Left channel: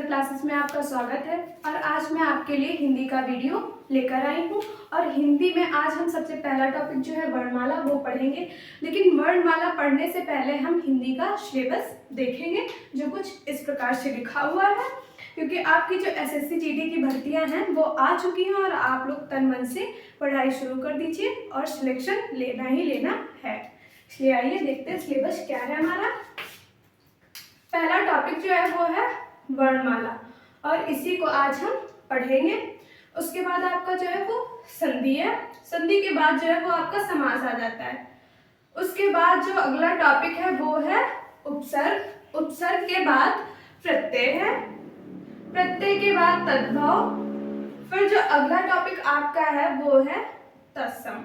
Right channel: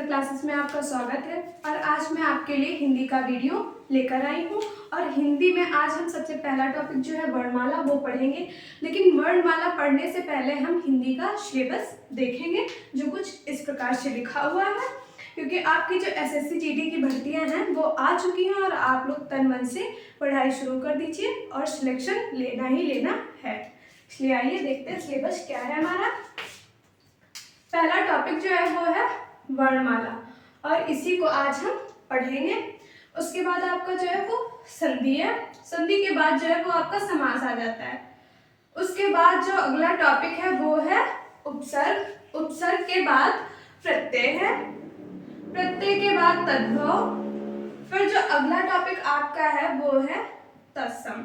Speaker classes में आपका स्वागत है। और आज मैं आपके लिए हिंदी का वीडियो लेकर आई हूँ। और हिंदी में आज हम सबसे पहला टॉपिक जो है वर्णमाला वो पढ़ेंगे। लेकिन वर्णमाला पढ़ने से पहले हम हिंदी का सिलेबस देखेंगे जो कुछ इस प्रकार से लिखा हुआ है, क्योंकि आपकी जो एसएससी जीडी की भर्तियां हैं वो आ चुकी हैं और आप लोग तन मन से पढ़ाई शुरू कर दीजिए और सिलेक्शन लेना ही लेना है। इसलिए आइए देखते हैं सिलेबस क्या है हमारा। पहला टॉपिक जो है वो है वर्णमाला और इसी को आज हम पढ़ेंगे। उसके बाद आपका जो है वो संधि है। संधि के बाद जो है वो आपका समास आ जाता है। उसके बाद जो अगला टॉपिक है वो है उपसर्ग। उपसर्ग के बाद प्रत्यय है। प्रत्यय के बाद तद्भव। फिर जो अगला टॉपिक आपका है वो है तत्सम।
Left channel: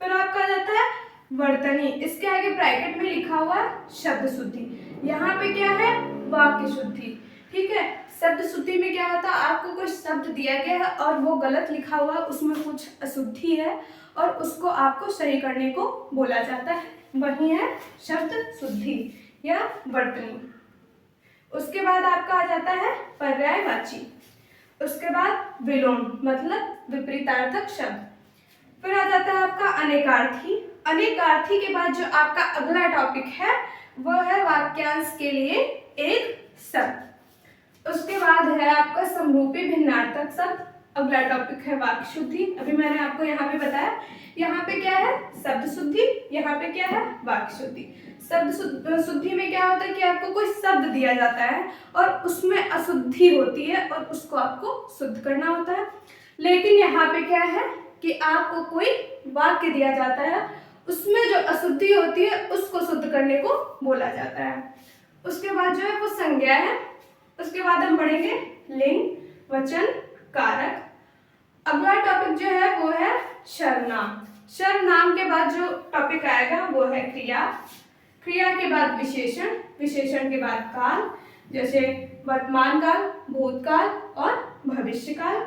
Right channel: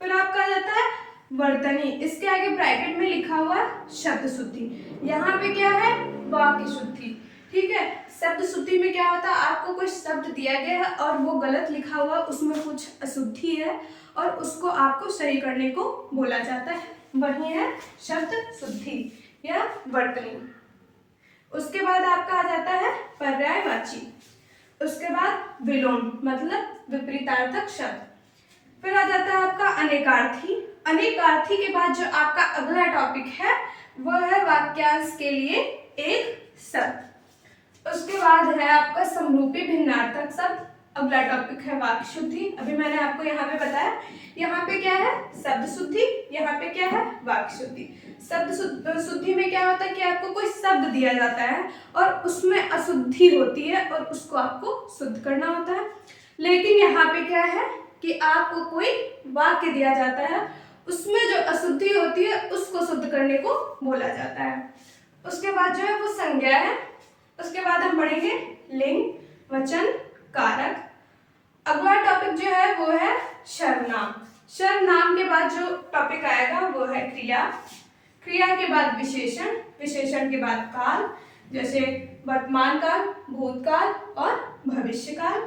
फिर आपका आ जाता है वर्तनी। इसके आगे ब्रैकेट में लिखा हुआ है शब्द शुद्धि। यहाँ पे क्या है वाक्य शुद्धि। ठीक है, शब्द शुद्धि में क्या होता है, आपको कुछ शब्द दिया गया है और वो गलत लिखा हुआ है, उसमें कुछ अशुद्धि है और उसको आपको सही करने को बोला जाता है, वही है शब्द शुद्धि या वर्तनी। उसके बाद आपका आ जाता है पर्यायवाची। उसके बाद विलोम मतलब विपरीतार्थक शब्द। फिर आ जाता है आपका अनेकार्थी। अनेकार्थी के बाद जो आपका अगला टॉपिक है वो है वाक्यांश के लिए एक शब्द। उसके बाद है आपका समरूपी भिन्नार्थक शब्द। अगला टॉपिक है वाक्य शुद्धि। अभी मैंने आपको यहाँ पे बताया, यहाँ पे क्या है शब्द शुद्धि, यहाँ पे क्या है वाक्य शुद्धि। शब्द शुद्धि में क्या होता है कि आपको कोई शब्द दिया जाता है और उसमें अशुद्धि होती है और उसको आपको शुद्ध करना होता है। लेकिन यहाँ पे क्या है कि आपको कोई वाक्य दिया जाता है, उसमें जो अशुद्धि होती है उसको शुद्ध करने को बोला जाता है। उसके बाद जो है वो संज्ञा है। उसके बाद हम पढ़ेंगे लिंग वचन कारक। अगला टॉपिक जो है वो है सर्वनाम। सर्वनाम के बाद जो टॉपिक आएगा वो है क्रिया। क्रिया के बाद विशेषण। विशेषण के बाद काल, जैसे वर्तमान काल, भूतकाल और भविष्यकाल।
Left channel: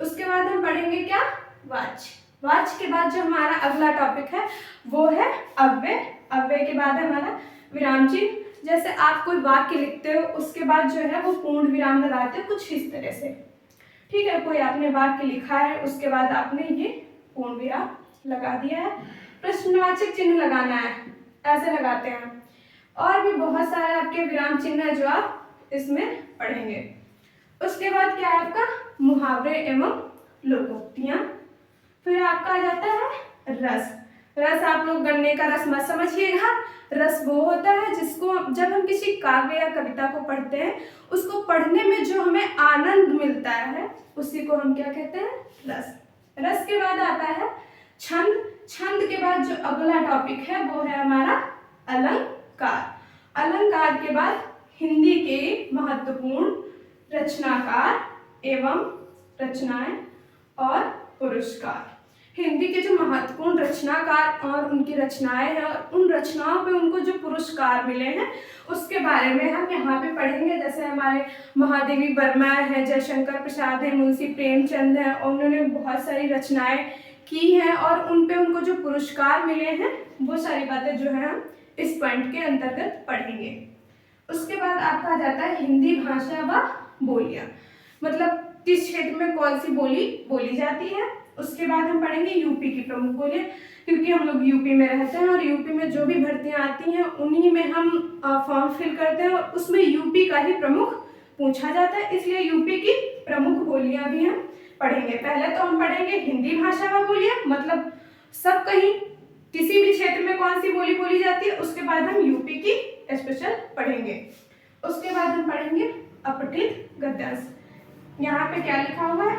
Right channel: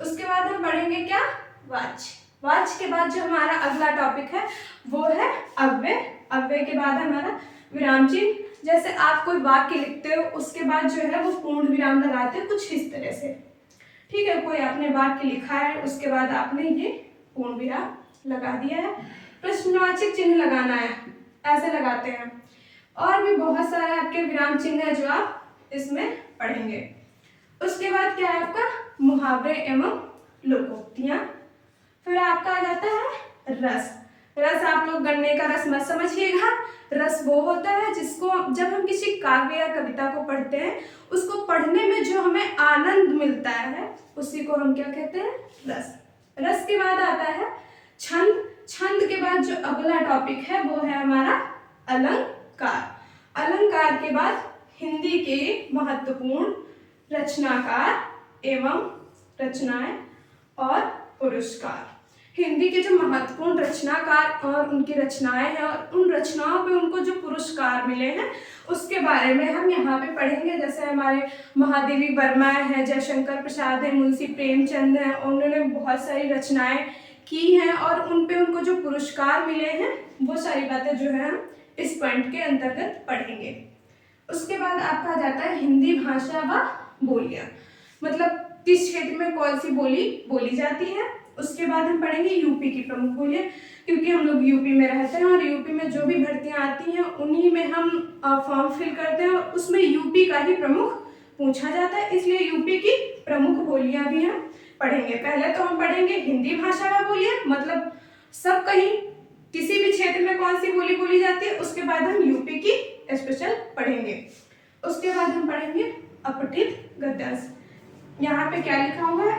उसके बाद हम पढ़ेंगे क्या वाच्य। वाच्य के बाद जो हमारा अगला टॉपिक है वो है अव्यय। अव्यय के बाद हमारा विराम चिन्ह। जैसे आप कोई वाक्य लिखते हो उसके बाद जो है वो पूर्ण विराम लगाते हो कुछ इस तरह से। ठीक है, कोई आपने वाक्य लिखा है उसके बाद आपने ये पूर्ण विराम लगा दिया है। प्रश्नवाचक चिन्ह लगाना है, ऐसे लगाते हैं। और भी बहुत सारे आपके विराम चिन्ह है जो आप इसमें पढ़ेंगे। उसके बाद क्या है आपका मुहावरे एवं लोकोक्तियां। फिर आपका आ जाता है रस। रस आप लोग गन्ने का रस मत समझिएगा। रस वो होता है जिसको जब हम किसी काव्य या कविता को पढ़ते हैं, उसको पढ़ने में जो हमें आनंद मिलता है उसी को हम क्या कहते हैं रस। रस के बाद आता है छंद। छंद के बाद जो अगला टॉपिक है वो है हमारा अलंकार। अलंकार के बाद हिंदी के महत्वपूर्ण रचनाकार एवं रचनाएं और पुरस्कार। हिंदी के जो महत्वपूर्ण रचनाकार और उनकी रचनाएं हैं और उन रचनाओं पे उनको जो पुरस्कार मिले हैं उसके बारे में हम यहाँ पे पढ़ेंगे। जैसे हमारे महादेवी वर्मा है, जयशंकर प्रसाद है, मुंशी प्रेमचंद है, उन्होंने बहुत सारी रचनाएं की हैं और उन पे उनको जो पुरस्कार मिले हैं वो सारी बातें जो है हम इस पॉइंट के अंतर्गत पढ़ेंगे। उसके बाद आपका आ जाता है हिंदी भाषा व बोलियां, मतलब किस क्षेत्र में कौन सी बोली बोली जाती है। उसके बाद हम पढ़ेंगे यूपी की प्रमुख बोलियां, क्योंकि हम लोग यूपी में रहते हैं और यूपी में जो भी भर्तियां आती हैं उन्हीं में हम फॉर्म फिल करते हैं और उसमें यूपी का ही प्रमुख पूछा जाता है, इसलिए यूपी की प्रमुख बोलियां भी हम पढ़ेंगे। पहले तो हम पढ़ेंगे हिंदी भाषा व बोलियां, मतलब सब कहीं किसी भी क्षेत्र में कौन सी बोली बोली जाती है। उसके बाद हम यूपी की स्पेशल पढ़ेंगे। उसके बाद हम पढ़ेंगे अपठित गद्यांश। यहाँ पे क्या लिखा हुआ है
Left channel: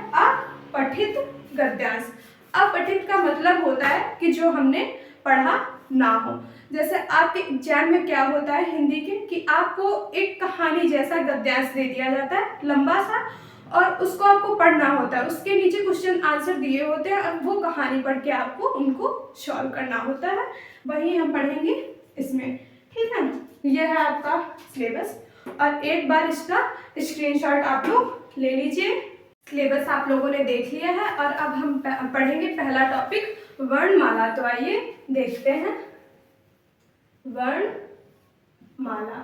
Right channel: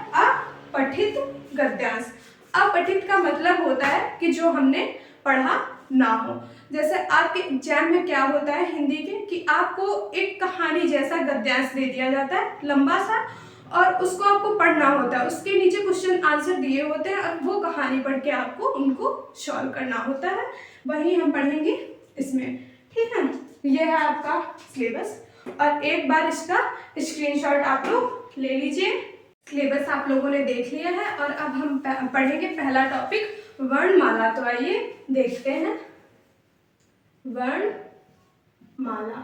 अपठित गद्यांश। अपठित का मतलब होता है कि जो हमने पढ़ा ना हो। जैसे आपके एग्जाम में क्या होता है हिंदी के कि आपको एक कहानी जैसा गद्यांश दे दिया जाता है लंबा सा और उसको आपको पढ़ना होता है। उसके नीचे क्वेश्चन आंसर दिए होते हैं और वो कहानी पढ़ के आपको उनको सॉल्व करना होता है, वही हम पढ़ेंगे इसमें। ठीक है, यह है आपका सिलेबस और एक बार इसका स्क्रीनशॉट आप लोग ले लीजिए। सिलेबस आप लोगों ने देख लिया है और अब हम पढ़ेंगे पहला टॉपिक वर्णमाला। तो आइए देखते हैं वर्णमाला।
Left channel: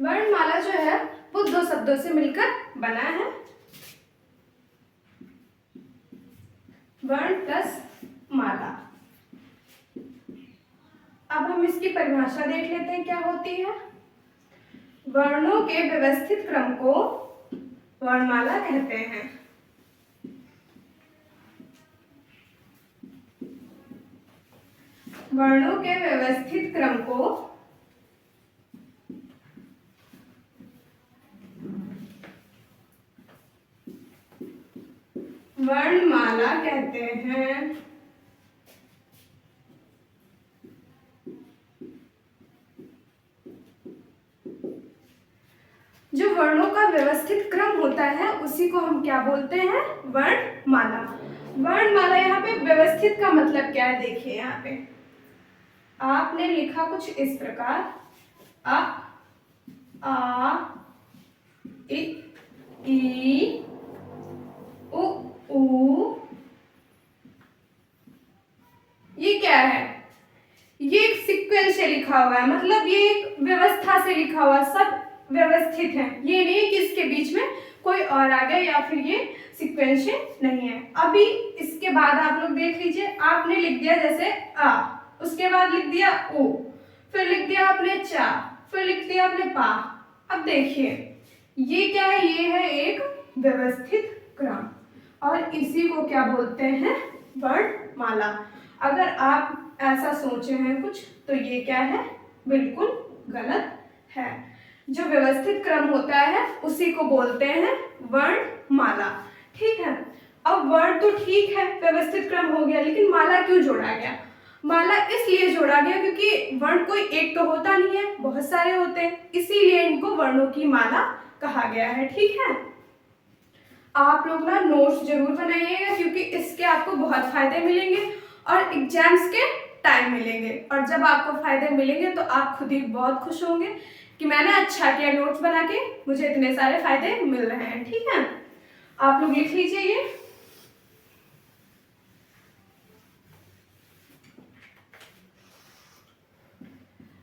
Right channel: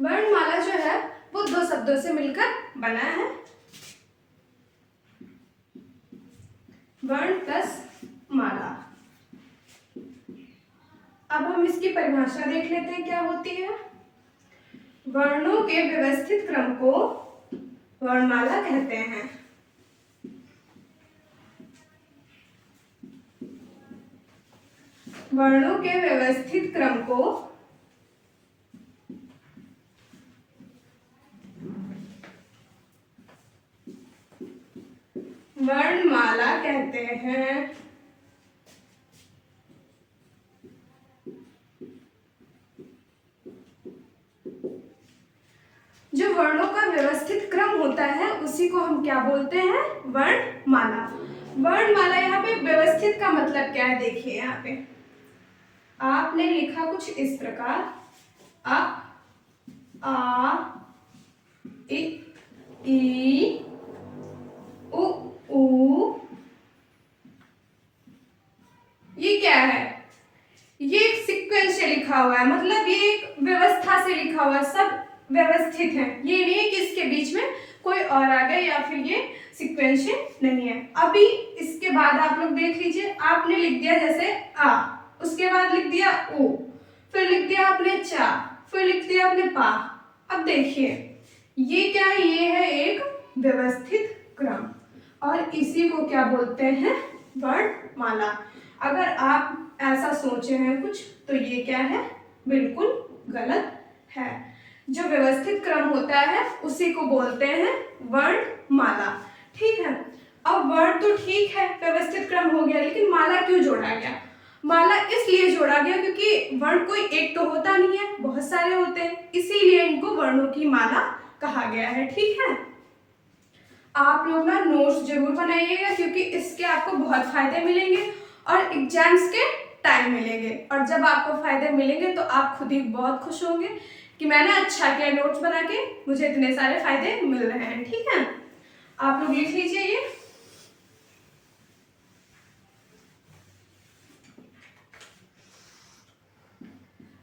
वर्णमाला जो है वो दो शब्दों से मिलकर बना है, वर्ण प्लस माला। अब हम इसकी परिभाषा देख लेते हैं क्या होती है। वर्णों के व्यवस्थित क्रम को वर्णमाला कहते हैं। वर्णों के व्यवस्थित क्रम को वर्णमाला कहते हैं। जो वर्णों का व्यवस्थित क्रम होता है उसी को हम क्या बोलते हैं, वर्णमाला। वर्णमाला यहाँ पे व्यवस्थित का मतलब क्या है, देखिए यहाँ पे आपने लिखा कुछ इस प्रकार, अ आ इ ई उ ऊ, ये क्या है, ये एक सीक्वेंस से लिखा हुआ है, मतलब ये एक व्यवस्था से लिखा हुआ है, सब व्यवस्थित है। ये नहीं है कि इसके बीच में कोई और आ गया या फिर ये सीक्वेंस नहीं है। अभी इसके बाद आप लोग देख लीजिए, आपने लिख दिया जैसे आ, उसके बाद लिख दिया उ, फिर लिख दिया आपने चा, फिर लिख दिया आपने पा। अब देखिए ये क्या है, ये है एक व्यवस्थित क्रम और इसी को क्या बोलते हैं, वर्णमाला। अगर आप ऐसा सोचे हैं कुछ तो ये क्या है, बिल्कुल गलत है। जो व्यवस्थित क्रम होता है उसी को बोलते हैं वर्णमाला, ठीक है। अब वर्ण तो ठीक है, व्यवस्थित क्रम हो गया, लेकिन माला क्यों जोड़ा गया? माला इसलिए जोड़ा गया क्योंकि वर्ण कोई एक तो होता नहीं है, बहुत सारे होते हैं, इसीलिए इनको वर्णों की माला कहा गया है, ठीक है। आप लोग ना नोट्स जरूर बनाइएगा क्योंकि इसके आपको बहुत फायदे मिलेंगे और एग्जाम्स के टाइम मिलेंगे, और जब आपको फायदे मिलेंगे तो आप खुद ही बहुत खुश होंगे कि मैंने अच्छा किया नोट्स बना के, मुझे इतने सारे फायदे मिल रहे हैं, ठीक है। आप लोग लिख लीजिए ये।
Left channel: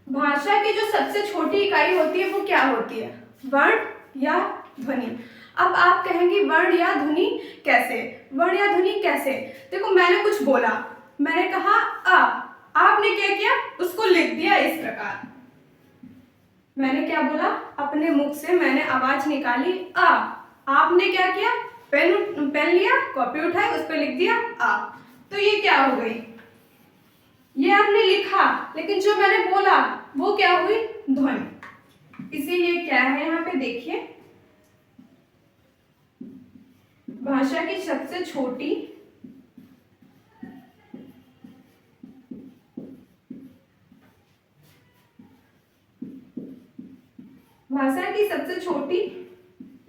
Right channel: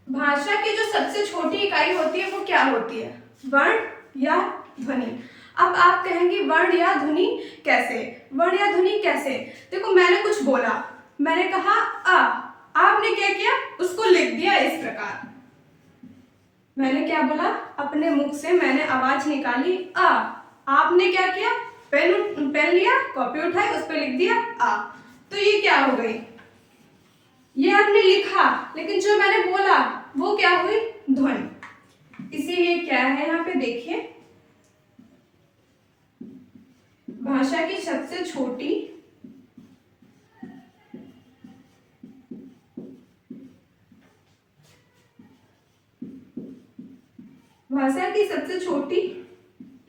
भाषा की जो सबसे छोटी इकाई होती है वो क्या होती है, वर्ण या ध्वनि। अब आप कहेंगे वर्ण या ध्वनि कैसे, वर्ण या ध्वनि कैसे? देखो मैंने कुछ बोला, मैंने कहा आ, आपने क्या किया, उसको लिख दिया इस प्रकार। मैंने क्या बोला, अपने मुख से मैंने आवाज निकाली आ, आपने क्या किया, पेन लिया, कॉपी उठाई, उस पर लिख दिया आ, तो ये क्या हो गई, ये आपने लिखा, लेकिन जो मैंने बोला वो क्या हुई, ध्वनि। इसीलिए क्या है यहाँ पे देखिए, भाषा की सबसे छोटी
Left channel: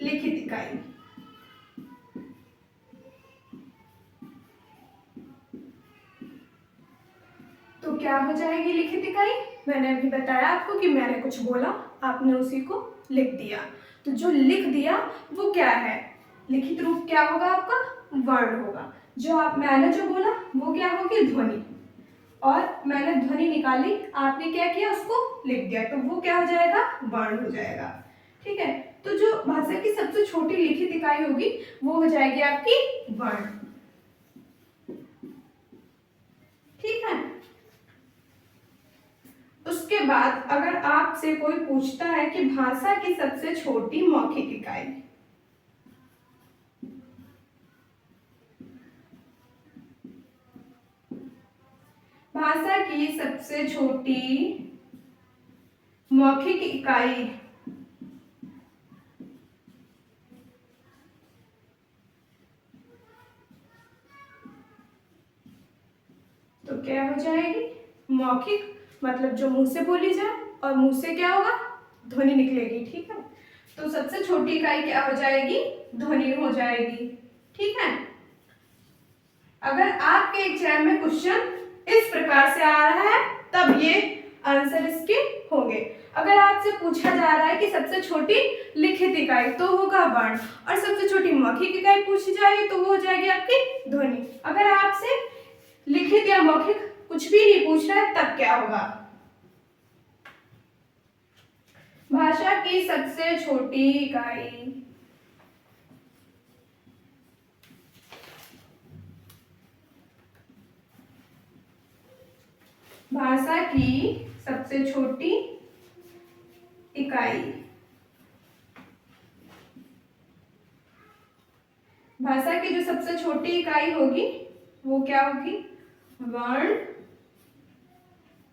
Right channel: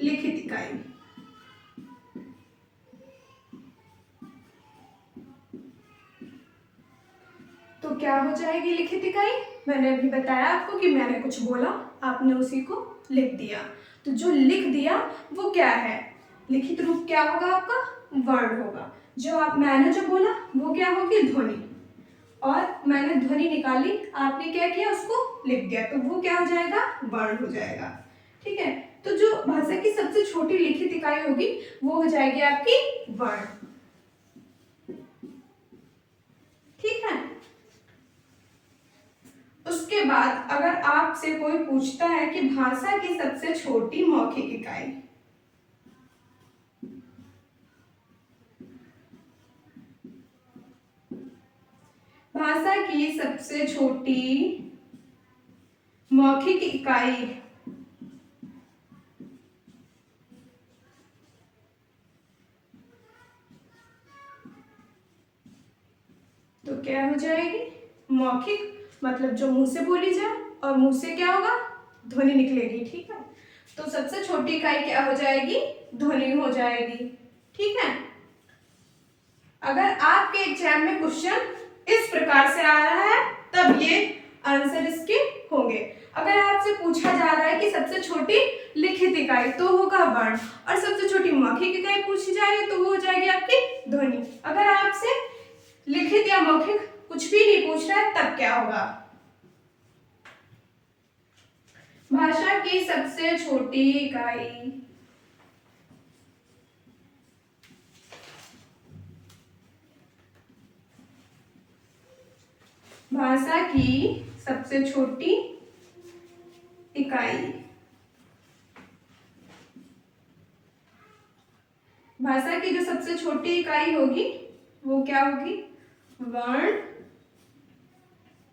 लिखित इकाई, तो क्या हो जाएगी लिखित इकाई? मैंने अभी बताया आपको कि मैंने कुछ बोला, आपने उसी को लिख दिया, तो जो लिख दिया वो क्या है, लिखित रूप क्या होगा आपका, वर्ण होगा। मैंने जो बोला वो क्या होगी, ध्वनि, और मैंने ध्वनि निकाली, आपने क्या किया, उसको लिख दिया, तो वो क्या हो जाएगा, वर्ण हो जाएगा, ठीक है। तो जो भाषा की सबसे छोटी लिखित इकाई होगी वो हो जाएगी आपकी वर्ण, ठीक है। उसके बाद अगर आपसे कोई पूछता है कि भाषा की सबसे छोटी मौखिक इकाई, भाषा की सबसे छोटी मौखिक इकाई, तो क्या हो जाएगी, मौखिक, मतलब जो मुंह से बोली जाए और मुंह से क्या होगा, ध्वनि निकलेगी, ठीक है। तो सबसे छोटी इकाई क्या हो जाएगी, ध्वनि हो जाएगी, ठीक है। अगर आपके एग्जाम में क्वेश्चन इस प्रकार से आ रहा है तब ये आंसर इसके होंगे। अगर आपसे पूछा जा रहा है कि सबसे छोटी लिखित इकाई, तो होगा वर्ण, और सबसे छोटी मौखिक इकाई पूछी जा रही है तो वो हो जाएगी आपकी ध्वनि। अगर आपसे लिखित या मौखिक कुछ भी नहीं पूछ रहा है तब क्या होगा, भाषा की सबसे छोटी इकाई। भाषा की सबसे छोटी इकाई। भाषा की जो सबसे छोटी इकाई होगी वो क्या होगी? वर्ण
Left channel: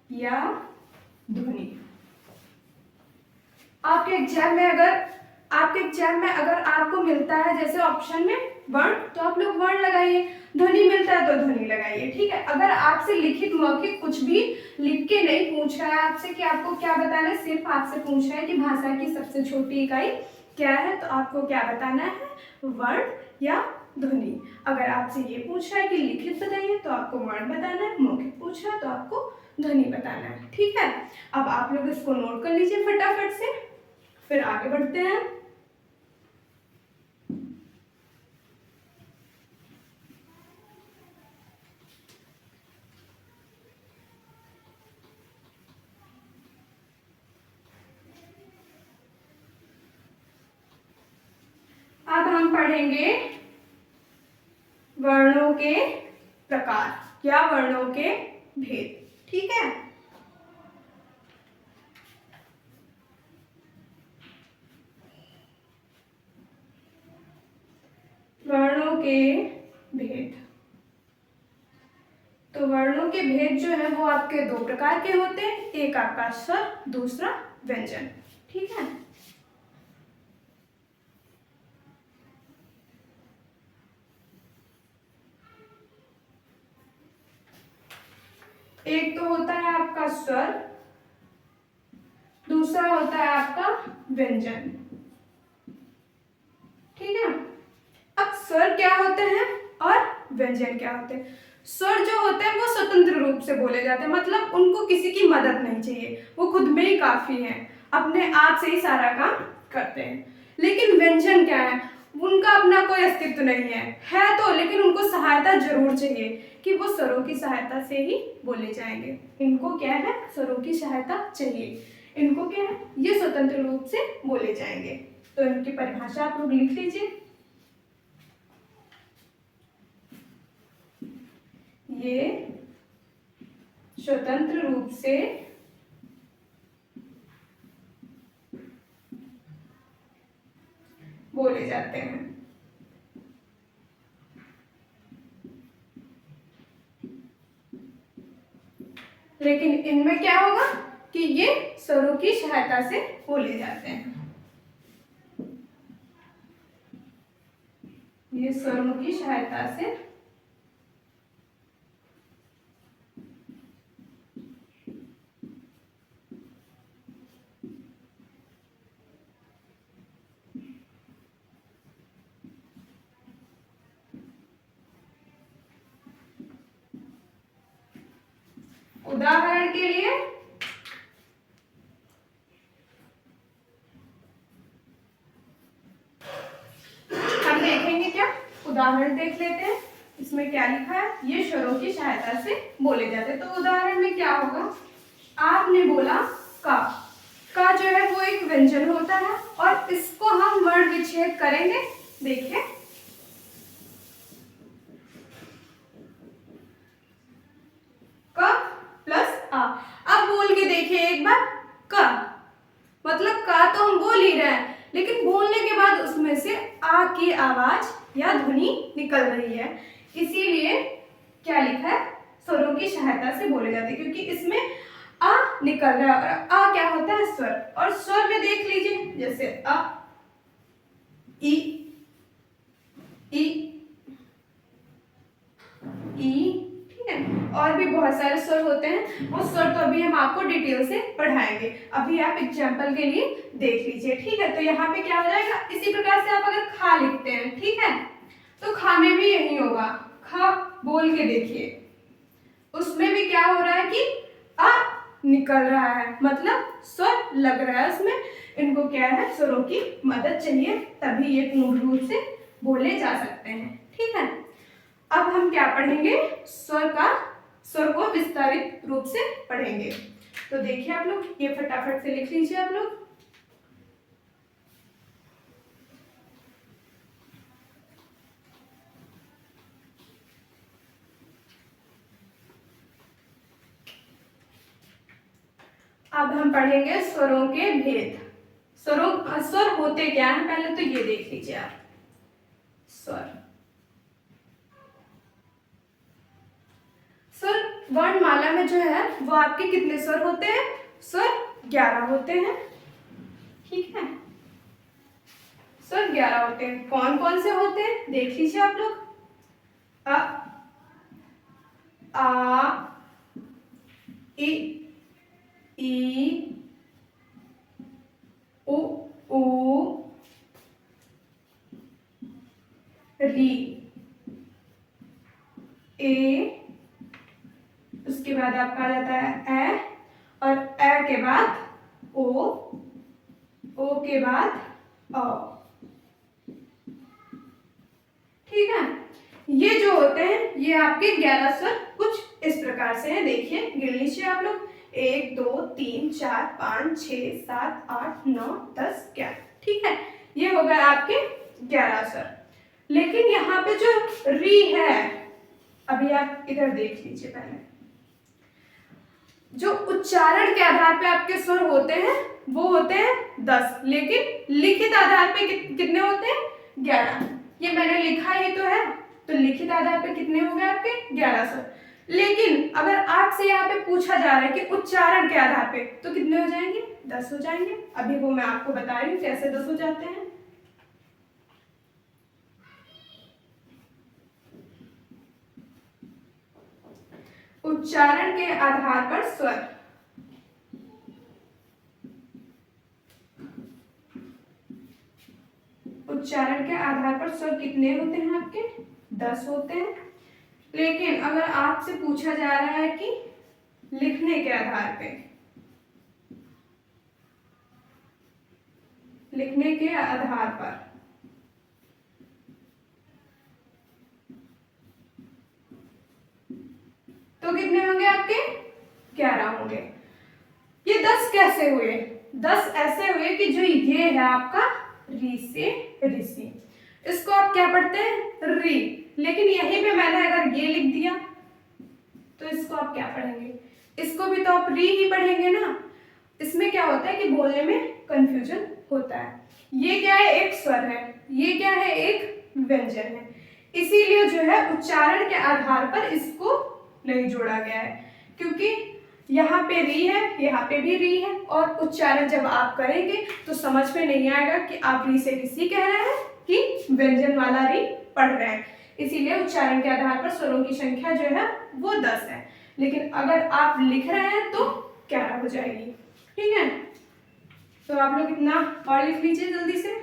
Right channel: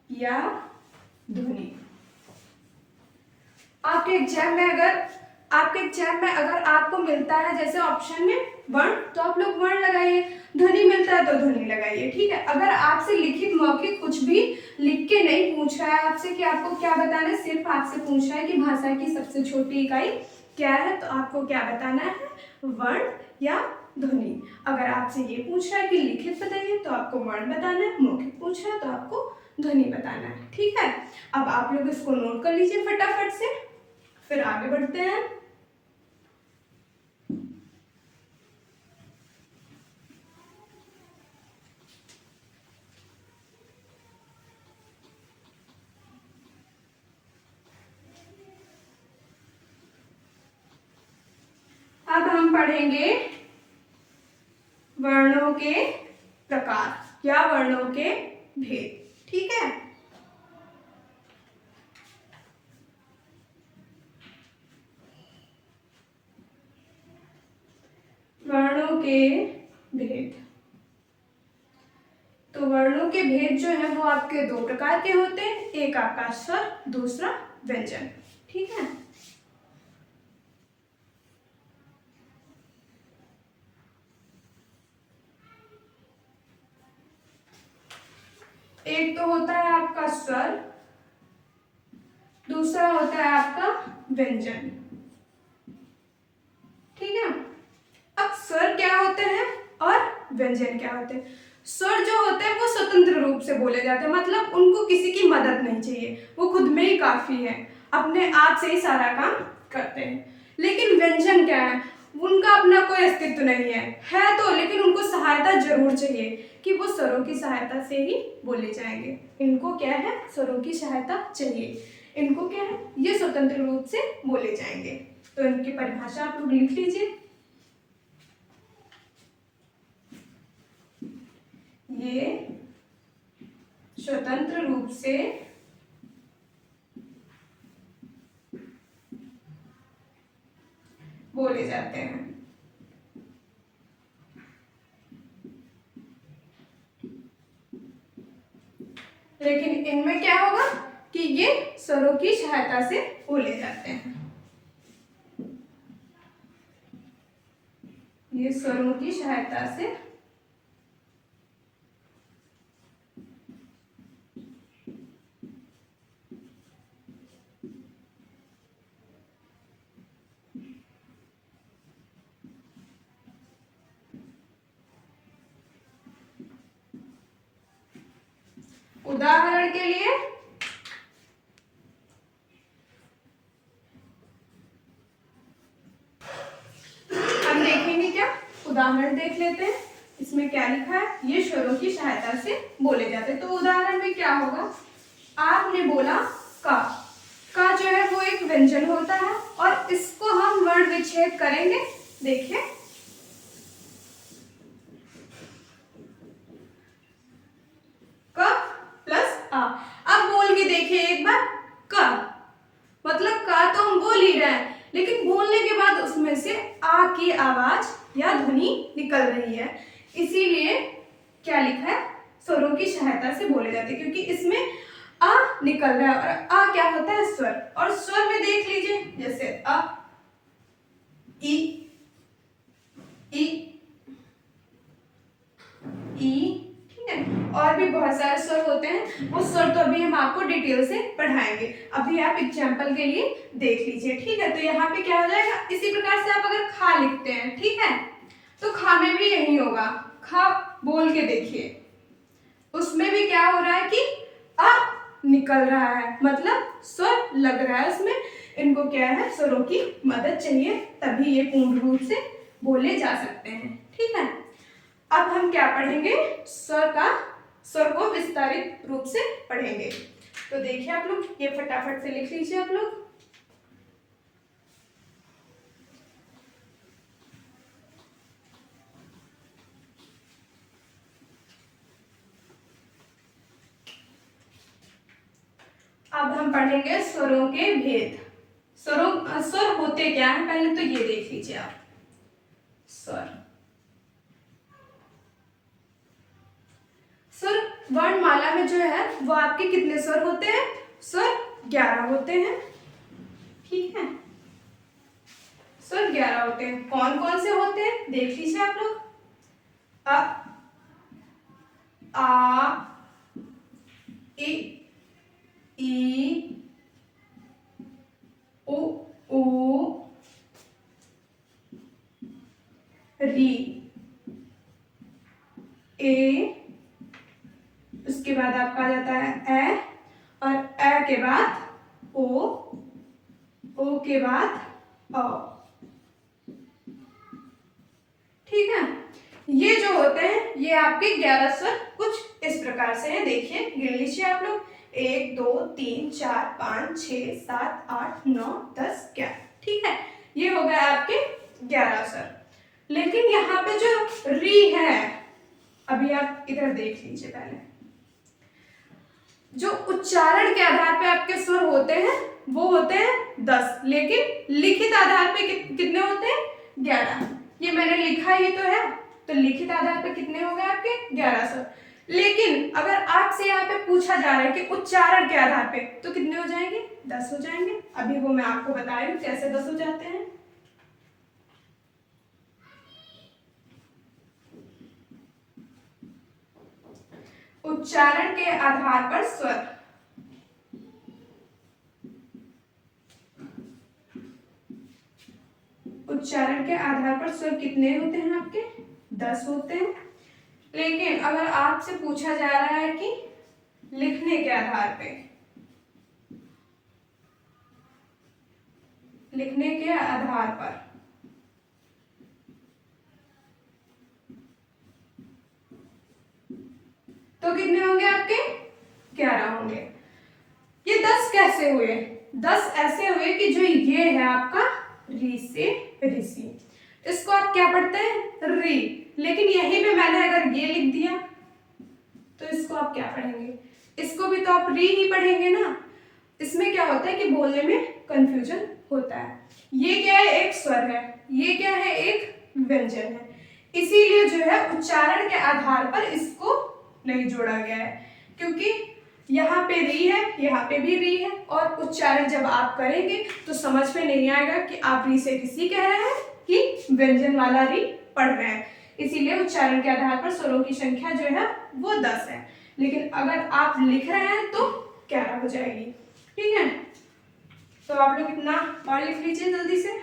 या ध्वनि। आपके एग्जाम में अगर आपको मिलता है जैसे ऑप्शन में वर्ण, तो आप लोग वर्ण लगाइए, ध्वनि मिलता है तो ध्वनि लगाइए, ठीक है। अगर आपसे लिखित मौखिक कुछ भी लिख के नहीं पूछ रहा है आपसे कि आपको क्या बताना है, सिर्फ आपसे पूछ रहा है कि भाषा की सबसे छोटी इकाई क्या है, तो आपको क्या बताना है? वर्ण या ध्वनि। अगर आपसे ये पूछ रहा है कि लिखित बताइए तो आपको वर्ण बताना है, मौखिक पूछ रहा है तो आपको ध्वनि बताना है, ठीक है। अब आप लोग इसको नोट कर लीजिए फटाफट से, फिर आगे बढ़ते हैं। अब हम पढ़ेंगे वर्णों के प्रकार या वर्णों के भेद, ठीक है। वर्णों के भेद। तो वर्णों के भेद जो है वो आपके दो प्रकार के होते हैं, एक आपका स्वर, दूसरा व्यंजन, ठीक है। एक तो होता है आपका स्वर, दूसरा होता है आपका व्यंजन, ठीक है। अब स्वर क्या होते हैं और व्यंजन क्या होते हैं? स्वर जो होते हैं वो स्वतंत्र रूप से बोले जाते हैं, मतलब उनको किसी की मदद नहीं चाहिए, वो खुद में ही काफी है, अपने आप से ही सारा काम करते हैं। लेकिन व्यंजन क्या है? उनका अपना कोई अस्तित्व नहीं है तो, लेकिन उनको सहायता जरूर चाहिए कि वो स्वरों की सहायता से ही बोले जाएंगे। इनको क्या है? स्वरों की सहायता चाहिए। इनको क्या है? ये स्वतंत्र रूप से बोले जाएंगे। तो इनकी परिभाषा आप लोग लिख लीजिए। ये स्वतंत्र रूप से बोले जाते हैं। लेकिन इनमें क्या होगा कि ये स्वरों की सहायता से बोले जाते हैं। ये स्वरों की सहायता से उदाहरण के लिए हम देखेंगे, क्या उदाहरण देख लेते हैं। इसमें क्या लिखा है? ये स्वरों की सहायता से बोले जाते हैं। तो उदाहरण में क्या होगा? आपने बोला का जो है वो एक व्यंजन होता है और इसको हम वर्ण विच्छेद करेंगे। देखिए क प्लस आ। अब बोल के देखिए एक बार, क मतलब का तो हम बोल ही रहे हैं, लेकिन बोलने के बाद उसमें से आ की आवाज या ध्वनि निकल रही है, इसीलिए क्या लिखा है? स्वरों की सहायता से बोले जाते हैं, क्योंकि इसमें आ निकल रहा है और आ क्या होता है? स्वर। और स्वर में देख लीजिए जैसे अ, ई, ई, ई, ठीक है। और भी बहुत सारे स्वर होते हैं, वो स्वर तो अभी हम आपको डिटेल से पढ़ाएंगे, अभी आप एग्जाम्पल के लिए देख लीजिए, ठीक है। तो यहाँ पे क्या हो जाएगा? इसी प्रकार से आप अगर खा लिखते हैं, ठीक है, तो खा में भी यही होगा। खा बोल के देखिए, उसमें भी क्या हो रहा है कि अ निकल रहा है, मतलब स्वर लग रहा है उसमें। इनको क्या है? स्वरों की मदद चाहिए, तभी ये पूर्ण रूप से बोले जा सकते हैं, ठीक है। अब हम क्या पढ़ेंगे? स्वर को विस्तारित रूप से पढ़ेंगे। तो देखिए आप लोग, ये फटाफट से लिख लीजिए आप लोग। अब हम पढ़ेंगे स्वरों के भेद। स्वर होते क्या है पहले तो ये देख लीजिए आप। स्वर वर्णमाला में जो है वो आपके कितने स्वर होते हैं? स्वर 11 होते हैं, ठीक है। स्वर 11 होते हैं। कौन कौन से होते हैं देख लीजिए आप लोग। अ, आ, इ, ई, उ, री, ए, उसके बाद आपका आ जाता है ए, और ए के बाद ओ के बाद अ, ठीक है। ये जो होते हैं ये आपके 11 स्वर कुछ इस प्रकार से हैं। देखिए गिन लीजिए आप लोग। 1 2 3 4 5 6 7 8 9 10 11, ठीक है। ये हो गए आपके 11 स्वर। लेकिन यहाँ पे जो री है, अभी आप इधर देख लीजिए पहले। जो उच्चारण के आधार पे आपके स्वर होते हैं वो होते हैं 10, लेकिन लिखित आधार पे कितने होते हैं? 11। ये मैंने लिखा ही तो है, तो लिखित आधार पे कितने हो गए आपके? 11 स्वर। लेकिन अगर आपसे यहाँ पे पूछा जा रहा है कि उच्चारण के आधार पे, तो कितने हो जाएंगे? 10 हो जाएंगे। अभी वो मैं आपको बता रही हूँ कैसे 10 हो जाते हैं। उच्चारण के आधार पर स्वर, उच्चारण के आधार पर स्वर कितने होते हैं आपके? 10 होते हैं। लेकिन अगर आपसे पूछा जा रहा है कि लिखने के आधार पे, लिखने के आधार पर, तो कितने होंगे आपके? 11 होंगे। ये 10 कैसे हुए? 10 ऐसे हुए कि जो ये है आपका री से ऋषि, इसको आप क्या पढ़ते हैं? री। लेकिन यहीं पे मैंने अगर ये लिख दिया तो इसको आप क्या पढ़ेंगे? इसको भी तो आप री ही पढ़ेंगे ना। इसमें क्या होता है कि बोलने में कंफ्यूजन होता है। ये क्या है? एक स्वर है, ये क्या है? एक व्यंजन है। इसीलिए जो है उच्चारण के आधार पर इसको नहीं जोड़ा गया है, क्योंकि यहाँ पे री है, यहाँ पे भी री है, और उच्चारण जब आप करेंगे तो समझ में नहीं आएगा कि आप री से ऋषि कह रहे हैं कि व्यंजन वाला री पढ़ रहे हैं। इसीलिए उच्चारण के आधार पर स्वरों की संख्या जो है वो 10 है। लेकिन अगर आप लिख रहे हैं तो 11 हो जाएगी, ठीक है। तो आप लोग इतना और लिख लीजिए जल्दी से।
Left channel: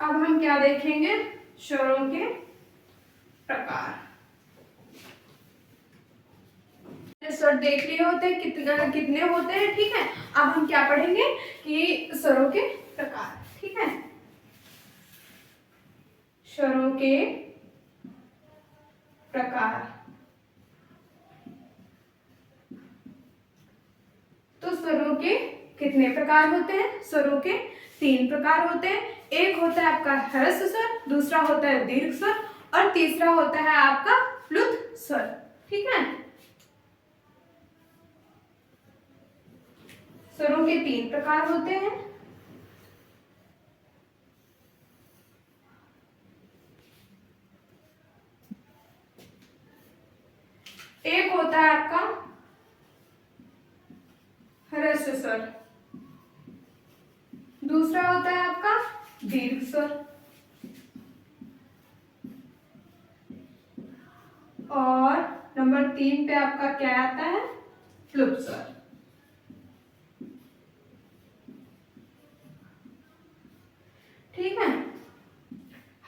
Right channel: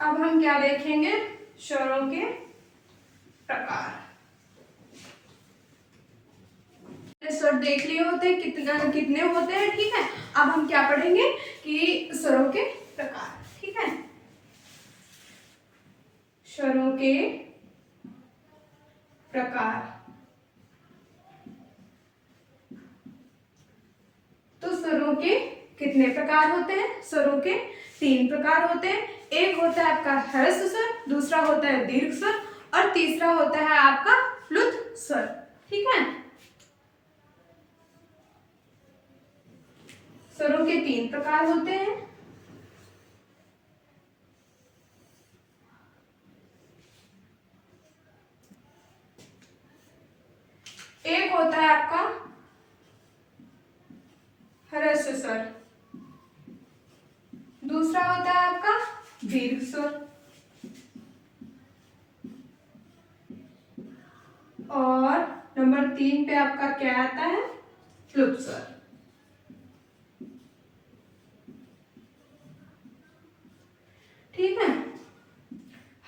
अब हम क्या देखेंगे? स्वरों के प्रकार। स्वर देख लिए होते हैं कितने होते हैं, ठीक है। अब हम क्या पढ़ेंगे कि स्वरों के प्रकार, ठीक है। स्वरों के प्रकार। तो स्वरों के कितने प्रकार होते हैं? स्वरों के 3 प्रकार होते हैं। एक होता है आपका ह्रस्व स्वर, दूसरा होता है दीर्घ स्वर, और तीसरा होता है आपका प्लुत स्वर, ठीक है। स्वरों के 3 प्रकार होते हैं। एक होता है आपका ह्रस्व स्वर, दूसरा होता है आपका दीर्घ स्वर, और नंबर 3 पे आपका क्या आता है? प्लुत स्वर, ठीक है।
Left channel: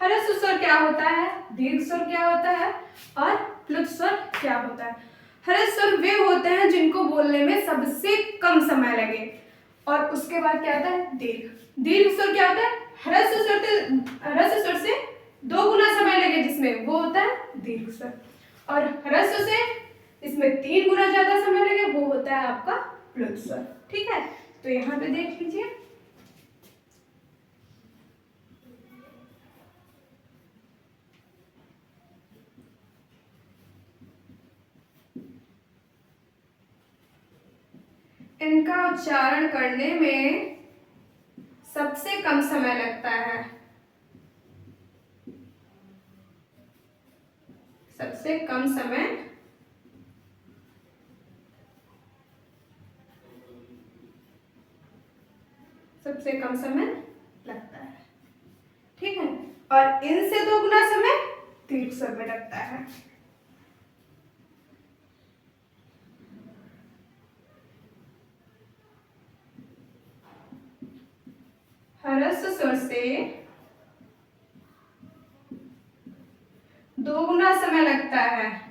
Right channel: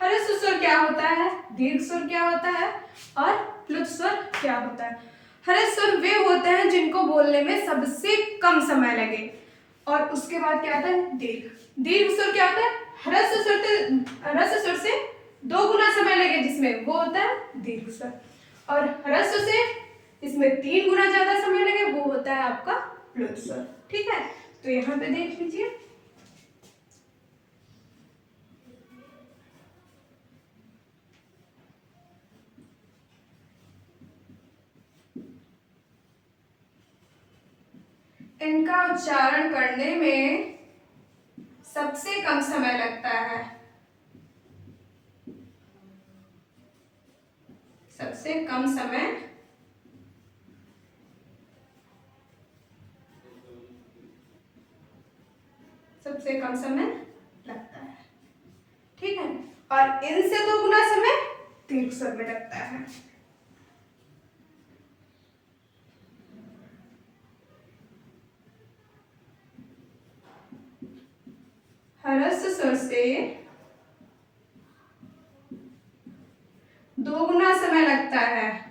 ह्रस्व स्वर क्या होता है, दीर्घ स्वर क्या होता है, और प्लुत स्वर क्या होता है? ह्रस्व स्वर वे होते हैं जिनको बोलने में सबसे कम समय लगे, और उसके बाद क्या आता है? दीर्घ। दीर्घ स्वर क्या होता है? ह्रस्व स्वर से 2 गुना समय लगे, जिसमें वो होता है दीर्घ स्वर, और ह्रस्व से इसमें 3 गुना ज्यादा समय लगे, वो होता है आपका प्लुत स्वर, ठीक है। तो यहाँ पे देख लीजिए। इनका उच्चारण करने में सबसे कम समय लगता है, सबसे कम समय लगता है। ठीक है, और इनसे दोगुना समय दीर्घ स्वर में लगता है। ह्रस्व स्वर से दोगुना समय लगता है।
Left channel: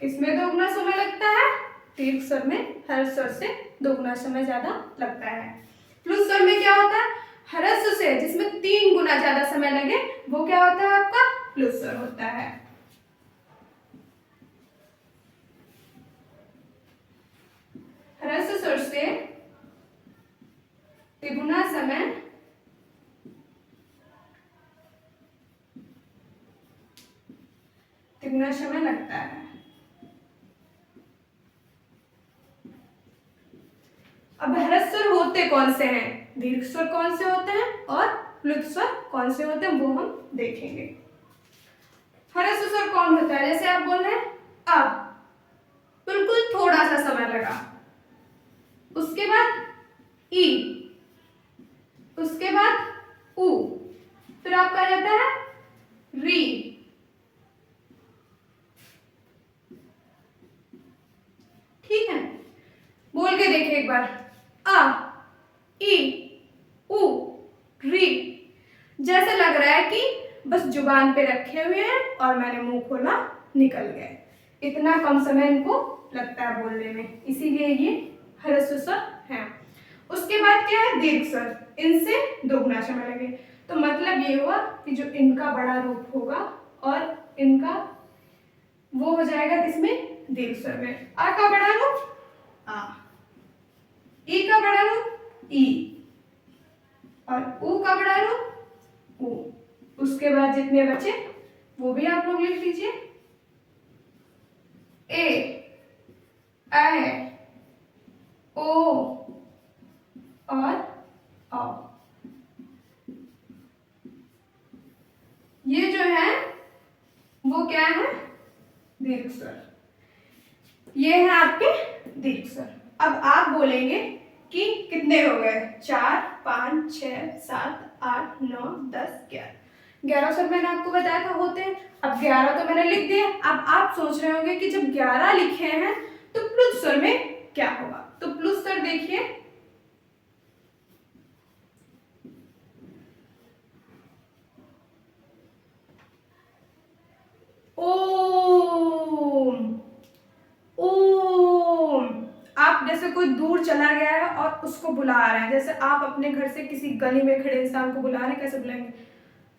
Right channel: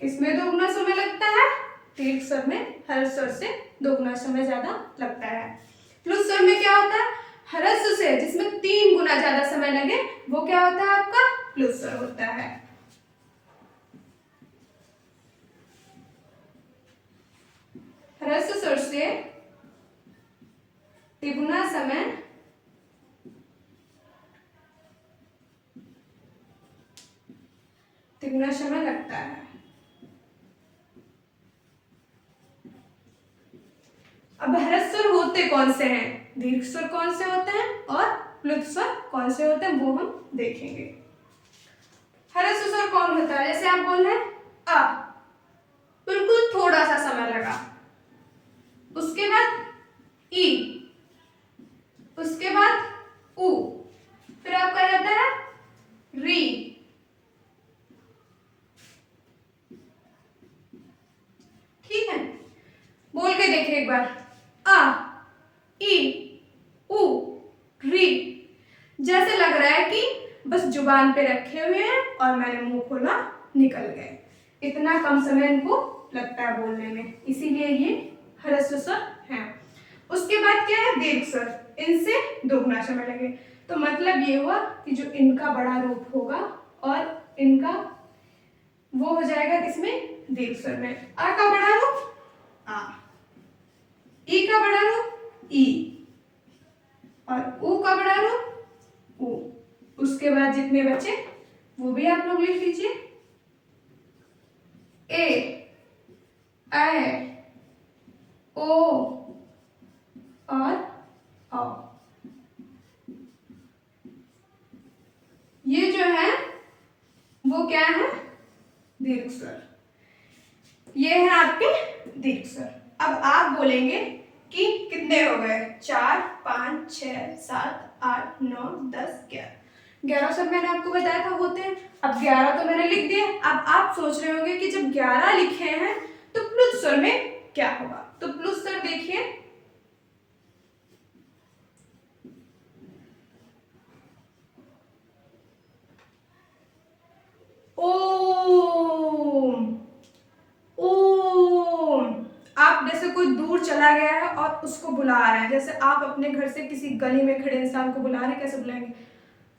किसमें दोगुना समय लगता है? दीर्घ स्वर में ह्रस्व स्वर से दोगुना समय ज्यादा लगता है। प्लुत स्वर में क्या होता है? ह्रस्व से जिसमें 3 गुना ज्यादा समय लगे वो क्या होता है? आपका प्लुत स्वर होता है। ह्रस्व स्वर से तिगुना समय लगता है। अब ह्रस्व स्वर होते कौन से हैं, दीर्घ स्वर कौन से होते हैं और प्लुत स्वर कौन से होते हैं वो हम देखेंगे। ह्रस्व स्वर कौन होता है? जैसे आप बोल रहे हैं अ, बिल्कुल थोड़ा सा समय लगा, उसके बाद ई, उसके बाद उ, फिर आपका रहता है री। ठीक है, बोल के देखिए एक बार, अ, ई, उ, री। जैसे लग रहा है कि बस जुबान पे रखे हुए हैं और मैंने मुंह खोला निकल गए, इतना कम समय इनको लगता है बोलने में, इसीलिए ये ह्रस्व स्वर है। उसके बाद क्या है? दीर्घ स्वर, इनसे दोगुना समय लगे, तो मतलब ये हुआ कि जो इनका बड़ा रूप होगा और इनका वो हो जाएगा किसमें? दीर्घ स्वर में। आ का बड़ा रूप आ, ई का बड़ा रूप ई, और ऊ का बड़ा रूप ऊ। उसके बाद जितने बचे वो भी आप लोग लिख लीजिए, ए, ऐ, ओ और औ। ये जो है वो क्या है? दीर्घ स्वर। ये है आपके दीर्घ स्वर। अब आप बोलेंगे कि कितने हो गए? 4, 5, 6, 7, 8, 9, 10, 11। 11 स्वर मैंने आपको बताया था होते हैं। अब 11 तो मैंने लिख दिया। अब आप सोच रहे होंगे कि जब 11 लिखे हैं तो प्लुत स्वर में क्या होगा? तो प्लुत स्वर देखिए, ओम, ओम। आप जैसे कोई दूर चला गया है और उसको बुला रहे हैं, जैसे आप अपने घर से किसी गली में खड़े इंसान को बुला रहे हैं, कैसे बुलाएंगे?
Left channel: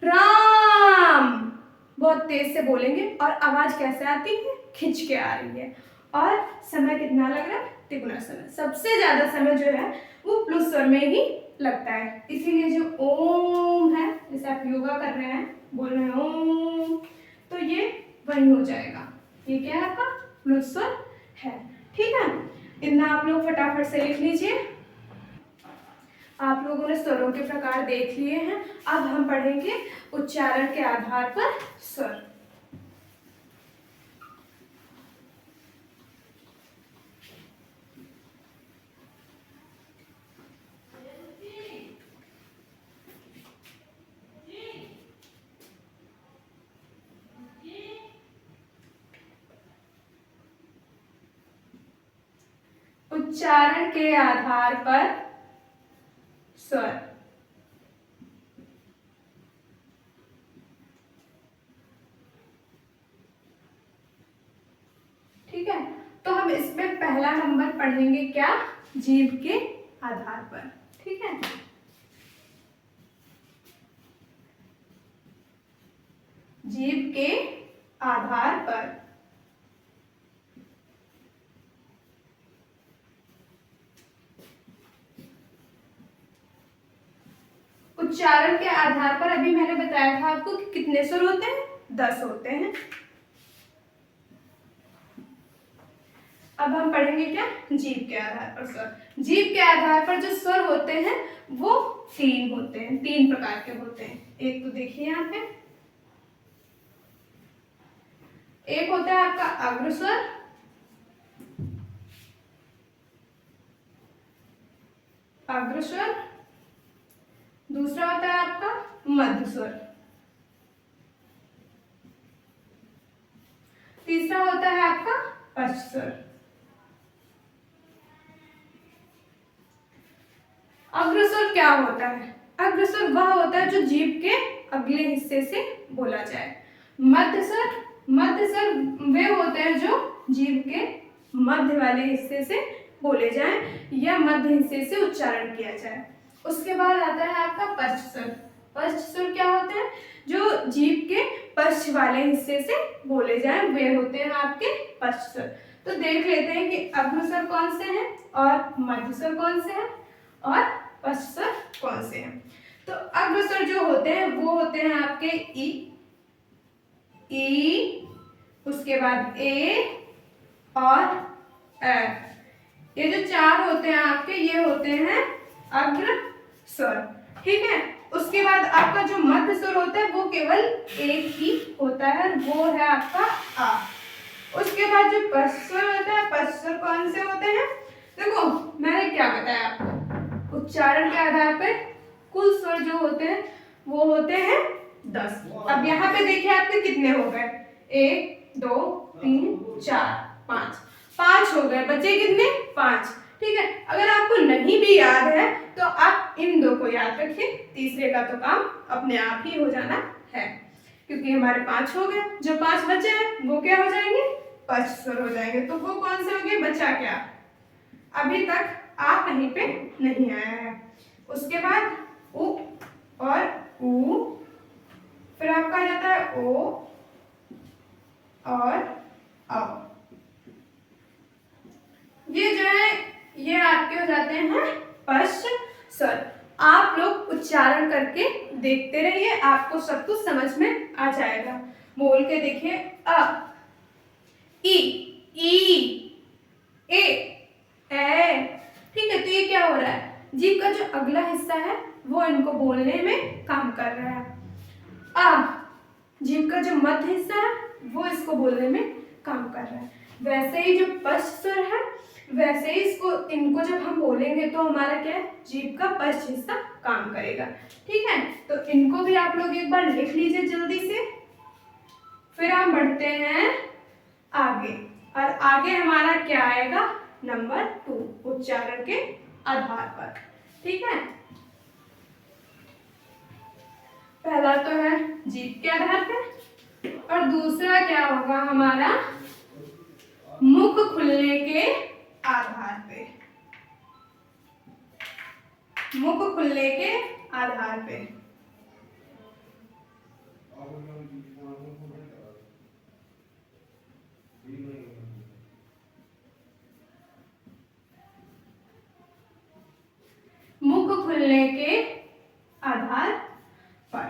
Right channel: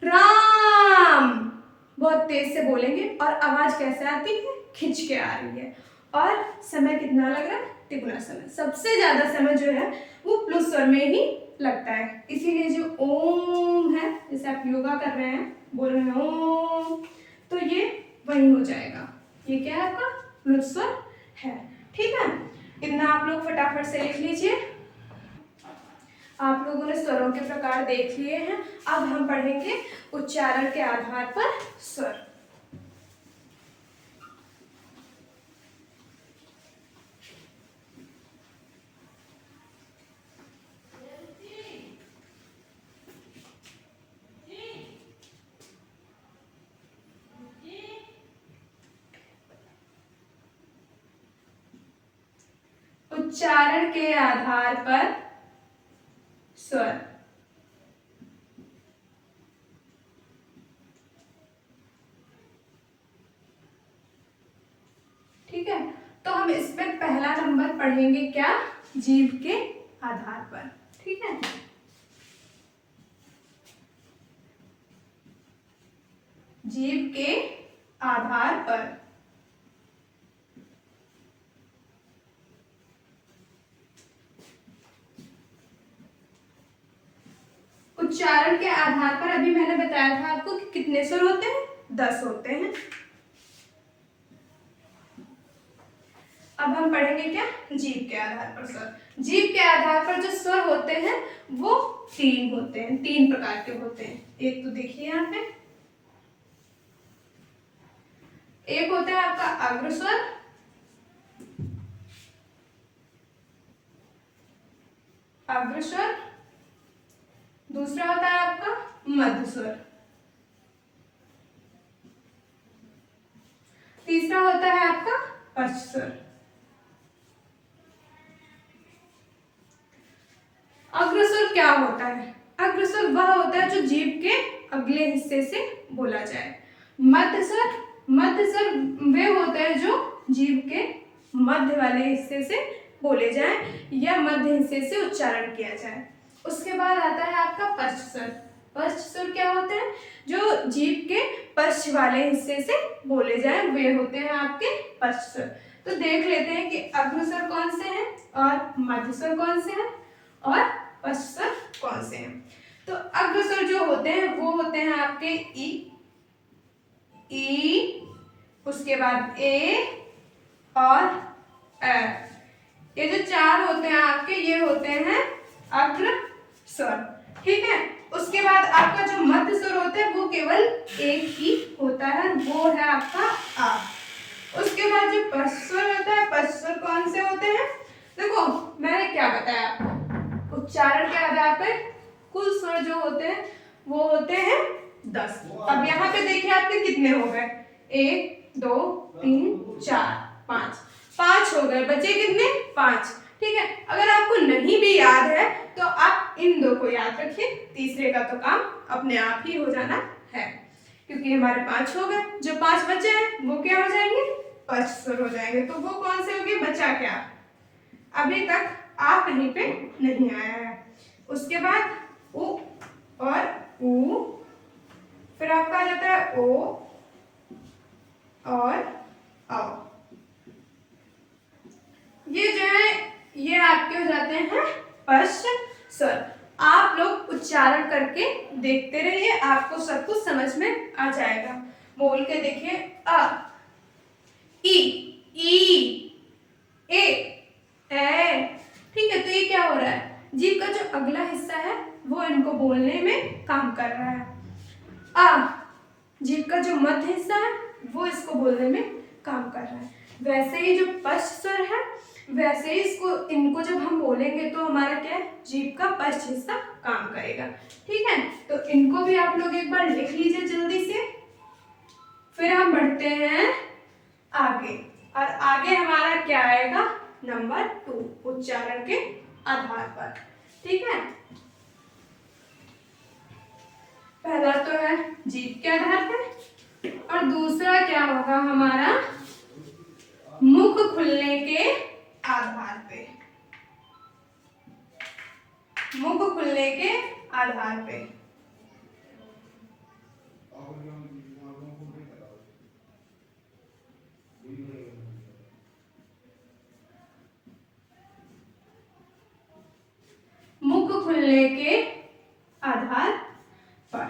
राम। बहुत तेज से बोलेंगे और आवाज कैसे आती है? खिंच के आ रही है। और समय कितना लग रहा है? तिगुना समय। सबसे ज्यादा समय जो है वो प्लुत स्वर में ही लगता है, इसीलिए जो ओम है, जैसे आप योगा कर रहे हैं, बोल रहे हैं ओम, तो ये वही हो जाएगा। ये क्या है? आपका प्लुत स्वर है। ठीक है, इतना आप लोग फटाफट से लिख लीजिए। आप लोगों ने स्वरों के प्रकार देख लिए हैं, अब हम पढ़ेंगे उच्चारण के आधार पर स्वर। उच्चारण के आधार पर स्वर। ठीक है, तो हम इसमें पहला नंबर पढ़ेंगे क्या? जीभ के आधार पर। ठीक है, जीभ के आधार पर। उच्चारण के आधार पर अभी मैंने बताया था आपको कि कितने स्वर होते हैं, 10 होते हैं। अब हम पढ़ेंगे क्या, जीभ के आधार पर स्वर। जीभ के आधार पर जो स्वर होते हैं वो 3 होते हैं, 3 प्रकार के होते हैं। एक तो देखिए यहाँ पे, एक होता है आपका अग्रस्वर, अग्रस्वर, दूसरा होता है आपका मध्य स्वर, तीसरा होता है आपका पश्च स्वर। अग्रस्वर क्या होता है, अग्रस्वर वह होता है जो जीभ के अगले हिस्से से बोला जाए। मध्य स्वर, मध्य स्वर वे होते हैं जो जीभ के मध्य वाले हिस्से से बोले जाएं या मध्य हिस्से से उच्चारण किया जाए। उसके बाद आता है आपका पश्च स्वर। पश्च स्वर क्या होते हैं, जो जीभ के पश्च वाले हिस्से से बोले जाएं, वे होते हैं आपके पश्च स्वर। तो देख लेते हैं कि अग्रस्वर कौन से हैं और मध्य स्वर कौन से हैं और पश्च स्वर कौन से हैं। तो अग्रस्वर जो होते हैं वो होते हैं आपके ई, उसके बाद ए और ए। ये जो 4 होते हैं आपके, ये होते हैं अग्रस्वर, ठीक है। उसके बाद आपका जो मध्य स्वर होता है वो केवल एक ही होता है, वो है आपका आ। उसके बाद जो पश्च स्वर होता है, पश्च स्वर कौन से होते हैं, देखो मैंने क्या बताया आपको, उच्चारण के आधार पर कुल स्वर जो होते हैं वो होते हैं 10। अब यहाँ पे देखिए आपके कितने हो गए, 1 2 3 4 5, 5 हो गए, बचे कितने, 5, ठीक है। अगर आपको नहीं भी याद है तो आप इन 2 को याद रखिए, तीसरे का तो काम अपने आप ही हो जाना है, क्योंकि हमारे 5 हो गए। जो 5 बचे हैं वो क्या हो जाएंगे, पश्च स्वर हो जाएंगे। तो वो कौन से हो गए, बचा क्या, अभी तक आ कहीं पे नहीं आया है। उसके बाद उ और ऊ, फिर आपका आ जाता है ओ और औ। ये जो है ये आपके हो जाते हैं पश्च स्वर। आप लोग उच्चारण करके देखते रहिए, आपको सब कुछ समझ में आ जाएगा। बोल के देखिए, अ, ई, ई, ए, ठीक है। तो ये क्या हो रहा है, जीभ का जो अगला हिस्सा है वो इनको बोलने में काम कर रहा है। आ, जीभ का जो मध्य हिस्सा है वो इसको बोलने में काम कर रहा है। वैसे ही जो पश्च स्वर है, वैसे ही इनको जब हम बोलेंगे तो हमारा क्या है, जीभ का पश्च हिस्सा काम करेगा, ठीक है। तो इनको भी आप लोग एक बार लिख लीजिए जल्दी से। फिर हम बढ़ते हैं आगे, और आगे हमारा क्या आएगा, नंबर 2, उच्चारण के आधार पर, ठीक है। पहला तो है जीभ के आधार पे, और दूसरा क्या होगा हमारा, मुख खुलने के आधार पे, मुख खुलने के आधार पे। मुख खुलने के आधार पर,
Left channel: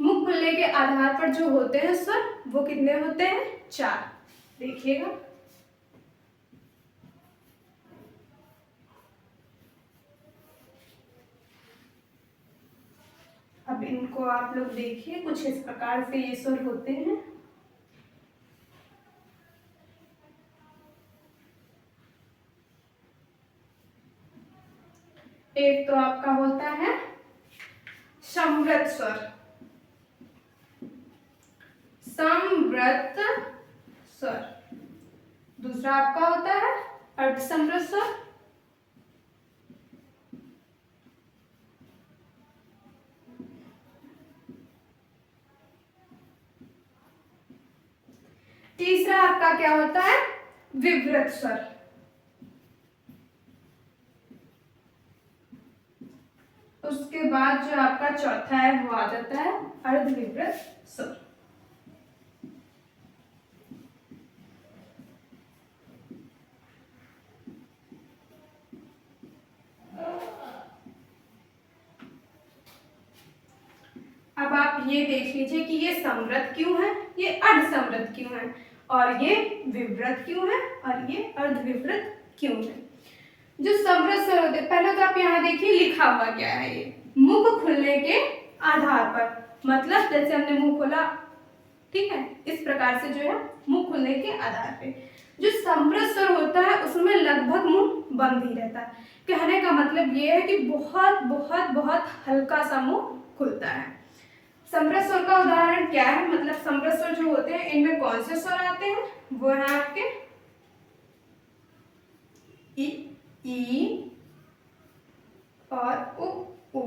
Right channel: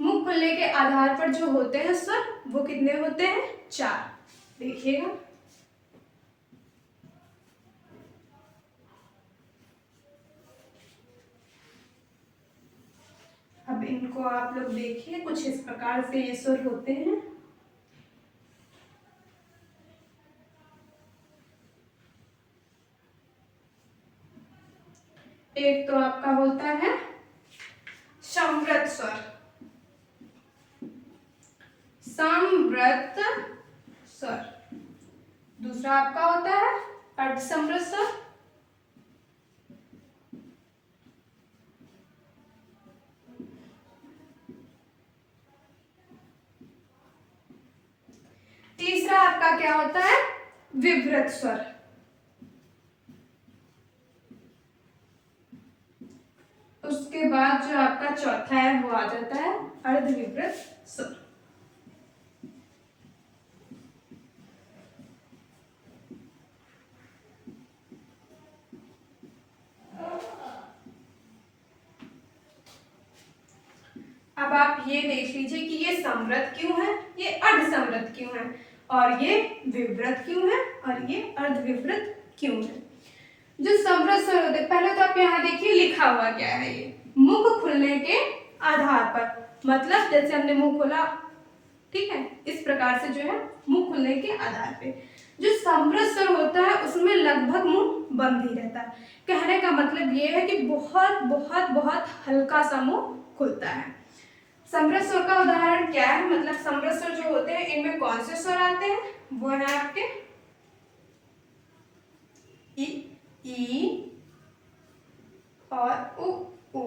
मुख खुलने के आधार पर जो होते हैं स्वर वो कितने होते हैं, 4, देखिएगा। अब इनको आप लोग देखिए, कुछ इस प्रकार से ये स्वर होते हैं। एक तो आपका होता है संवृत स्वर, संवृत स्वर। दूसरा आपका होता है अर्धसंवृत स्वर, तीसरा आपका क्या होता है, विवृत स्वर। उसके बाद जो आपका चौथा है वो आ जाता है अर्धविवृत स्वर। आप ये देख लीजिए कि ये समृद्ध क्यों है, ये अर्धसमृद्ध क्यों है, और ये विवृत क्यों है, और ये अर्धविवृत क्यों है। जो समृद्ध स्वर होते हैं, पहले तो आप यहाँ देखिए लिखा हुआ क्या है, ये मुख खुलने के आधार पर, मतलब जैसे हमने मुंह खोला, ठीक है, इस प्रकार से जो है मुंह खुलने के आधार पे। जो समृद्ध स्वर होता है उसमें लगभग मुंह बंद ही रहता है। कहने का मतलब ये है कि बहुत बहुत बहुत हल्का सा मुंह खुलता है। समृद्ध स्वर का उदाहरण क्या है, मतलब समृद्ध स्वर जो होते हैं इनमें कौन से स्वर आते हैं, वो है आपके ई और उ।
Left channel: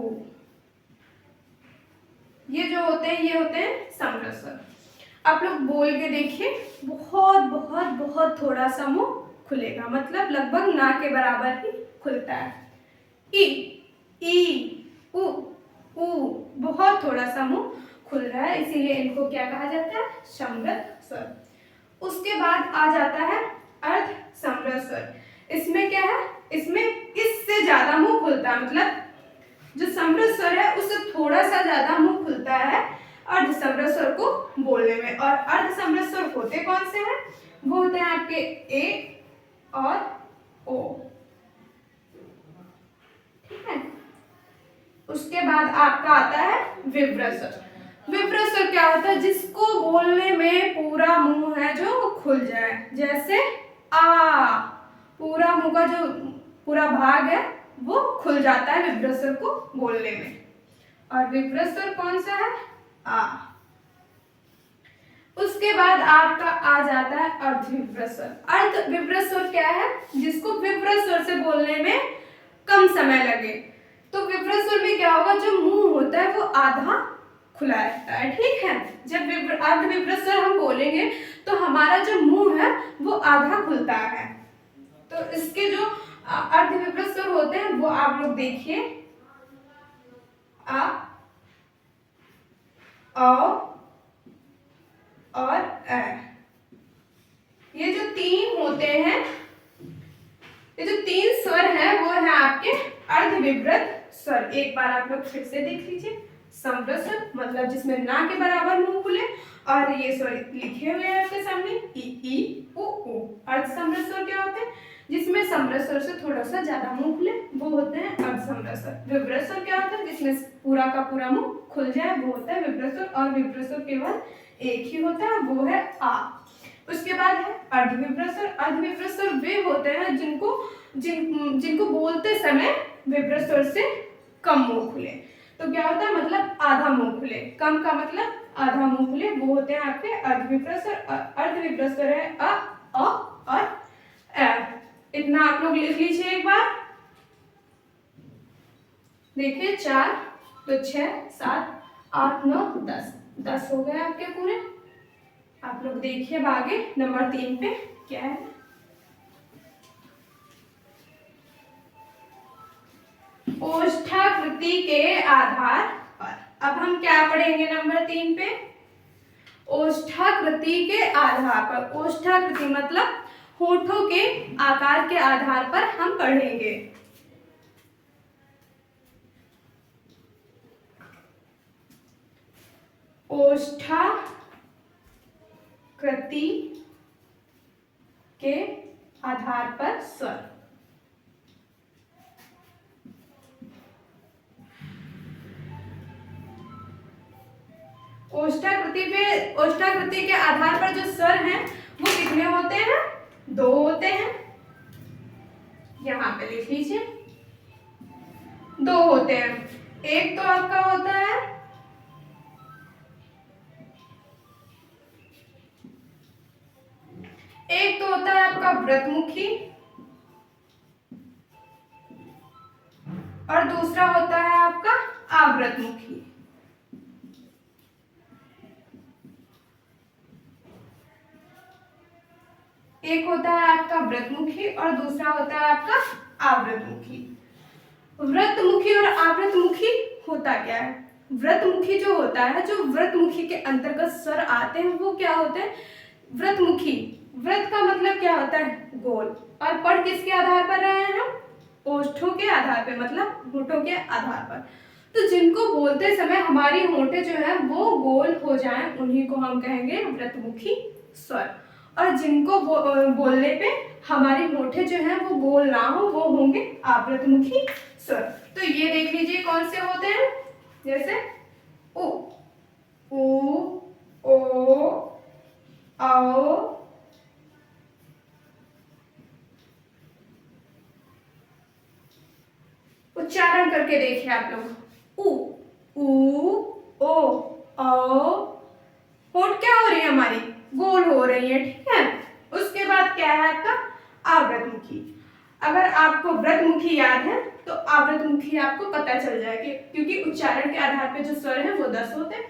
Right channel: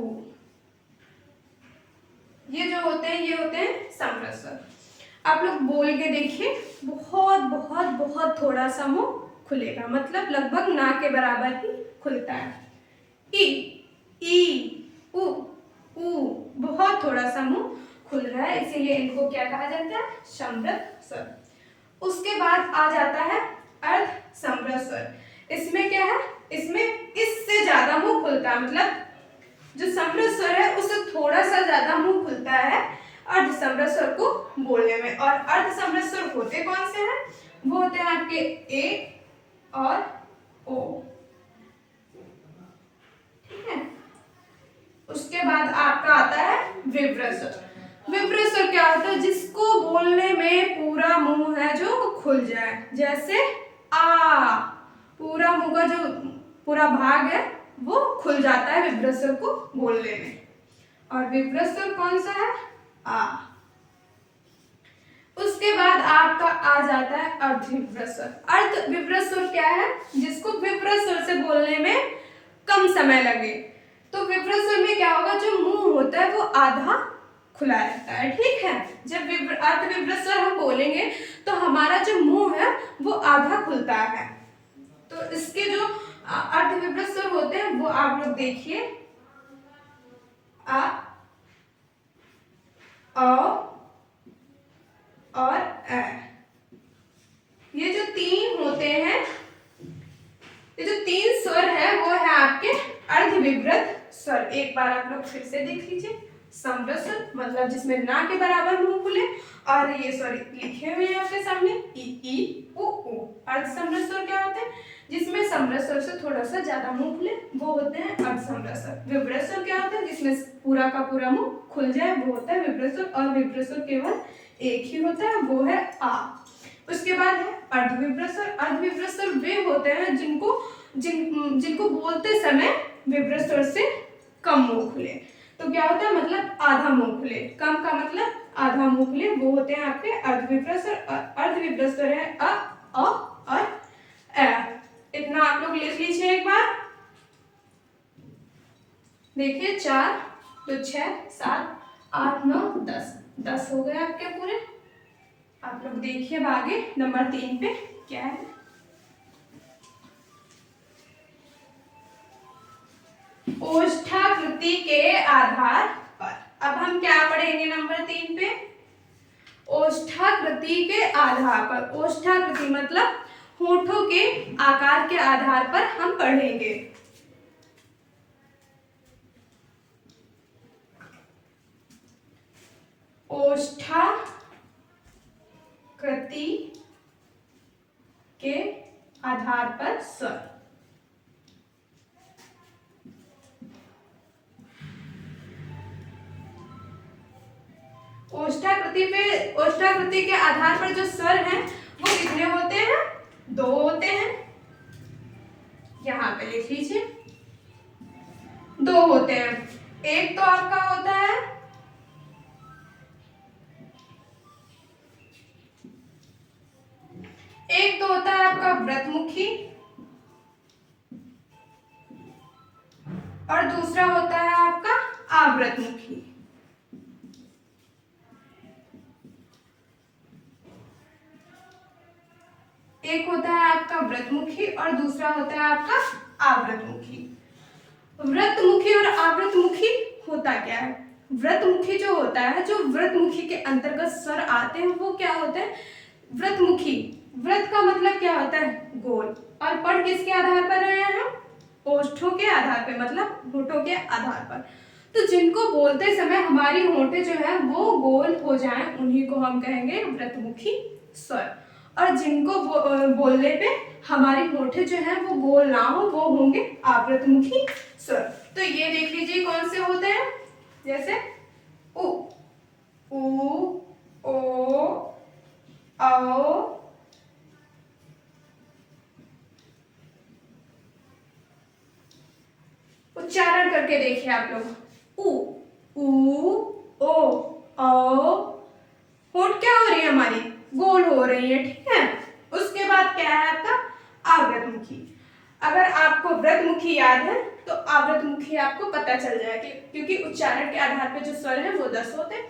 ये जो होते हैं ये होते हैं समृद्ध स्वर। आप लोग बोल के देखिए, बहुत बहुत बहुत थोड़ा सा मुंह खुलेगा, मतलब लगभग ना के बराबर ही खुलता है। ई उ बहुत थोड़ा सा मुंह खुल रहा है, इसीलिए इनको क्या कहा जाता है, समृद्ध स्वर। उसके बाद आ जाता है अर्ध समृद्ध स्वर। इसमें क्या है, इसमें इससे ज्यादा मुंह खुलता है, मतलब जो समृद्ध स्वर है उससे थोड़ा सा ज्यादा मुंह खुलता है अर्ध समृद्ध स्वर को बोलने में। और अर्ध समृद्ध स्वर होते कौन से हैं, वो होते हैं आपके ए और ओ, ठीक है। उसके बाद आपका आता है विवृत स्वर। विवृत स्वर क्या होता है, जिसको बोलने में पूरा मुंह है जो खुल जाए, जैसे आ, पूरा मुंह का जो पूरा भाग है वो खुल जाता है विवृत स्वर को बोलने में। और विवृत स्वर कौन सा है, आ। उसके बाद आपका आ जाता है अर्धविवृत स्वर। अर्धविवृत स्वर क्या है, जिसको विवृत स्वर से बोलने में कम समय लगे। तो विवृत स्वर में क्या होगा, जो मुंह होता है वो आधा खुला रहता है, ठीक है। जब अर्धविवृत स्वर हम बोलेंगे तो हमारा जो मुंह है वो आधा खुलता है। तो इसके जो अर्धविवृत स्वर होते हैं वो आप लोग देखिए, आ, और अ। ये जो तीन होते हैं, ये जो तीन स्वर है वो है आपके अर्धविवृत स्वर। एक बार आप लोग फिर से देख लीजिए, समृद्ध स्वर मतलब जिसमें ना के बराबर मुंह खुले, और ये स्वर लिखे हुए हैं आपके सामने ई उ। अर्धसमृद्ध स्वर क्या होते हैं, जिसमें समृद्ध स्वर से थोड़ा सा ज्यादा मुंह खुले, वो होते हैं अर्धसमृद्ध स्वर। विवृत स्वर क्या होता है, जिसमें पूरा का पूरा मुंह खुल जाए, वो होता है विवृत स्वर। और विवृत स्वर केवल एक ही होता है, वो है आ। उसके बाद है अर्धविवृत स्वर। अर्धविवृत स्वर वे होते हैं जिनको बोलते समय विवृत स्वर से कम मुंह खुले। तो क्या होता है, मतलब आधा मुंह खुले, कम का मतलब आधा मुंह खुले, वो होते हैं आपके अर्धविवृत स्वर। अर्धविवृत स्वर है अ और अ। इतना आप लोग लिख लीजिए एक बार। देखिए 4 2 6 7 8 9 10 हो गए आपके पूरे। आप लोग देखिए आगे नंबर 3 पे क्या है। ओष्ठाकृति के आधार पर। अब हम क्या पढ़ेंगे नंबर 3 पे, ओष्ठाकृति के आधार पर। ओष्ठाकृति मतलब होठों के आकार के आधार पर हम पढ़ेंगे। ओष्ठाकृति के आधार पर स्वर। ओष्ठाकृति के आधार पर जो स्वर हैं वो कितने होते हैं, 2 होते हैं। यहाँ पे लिख लीजिए 2 होते हैं। एक तो आपका होता है आपका व्रतमुखी, और दूसरा होता है आपका आवृतमुखी। एक होता है आपका व्रतमुखी और दूसरा होता है आपका आवृतमुखी। व्रतमुखी और आवृतमुखी होता क्या है, व्रतमुखी जो होता है, जो व्रतमुखी के अंतर्गत स्वर आते हैं वो क्या होते हैं, व्रतमुखी। व्रत का मतलब क्या होता है, गोल, और पढ़ किसके आधार पर रहे हैं हम, ओष्ठों के आधार पर, मतलब होठों के आधार पर। तो जिनको बोलते समय हमारी होंठें जो है वो गोल हो जाएं उन्हीं को हम कहेंगे व्रतमुखी स्वर, और जिनको बोलने पे हमारी होंठें जो है वो गोल ना हो वो होंगे आवृतमुखी स्वर। तो ये देख लीजिए कौन से होते हैं, जैसे उ, ऊ, ओ, औ, उच्चारण करके देखिए आप लोग, उ, ओ, होंठ क्या हो रही है हमारी, गोल हो रही है, ठीक है। उसके बाद क्या है आपका आवृतमुखी। अगर आपको व्रतमुखी याद है तो आवृतमुखी आपको पता चल जाएगा, क्योंकि उच्चारण के आधार पे जो स्वर है वो 10 होते हैं।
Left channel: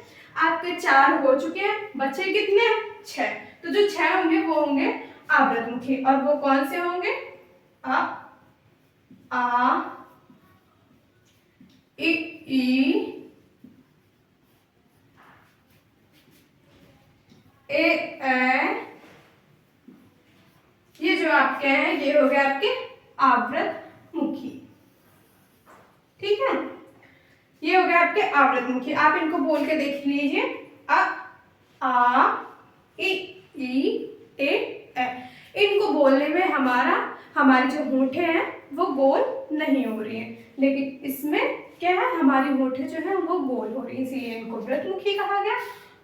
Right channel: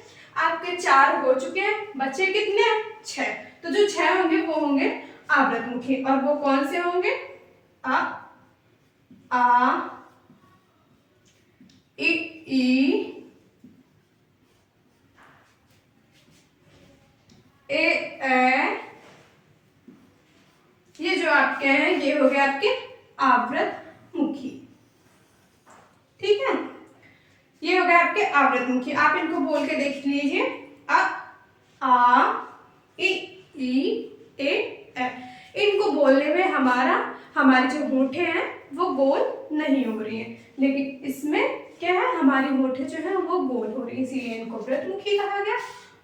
आपके 4 हो चुके हैं, बचे कितने, 6। तो जो 6 होंगे वो होंगे आवृतमुखी, और वो कौन से होंगे, आ, ई, ए, ये जो आपके हैं ये हो गए आपके आवृतमुखी, ठीक है। ये हो गए आपके आवृतमुखी। आप इनको बोल के देख लीजिए, आ, ए। इनको बोलने में हमारी जो होंठें हैं वो गोल नहीं हो रही हैं, लेकिन इसमें क्या है, हमारी होंठें जो है वो गोल हो रही है, इसीलिए इनको व्रतमुखी कहा गया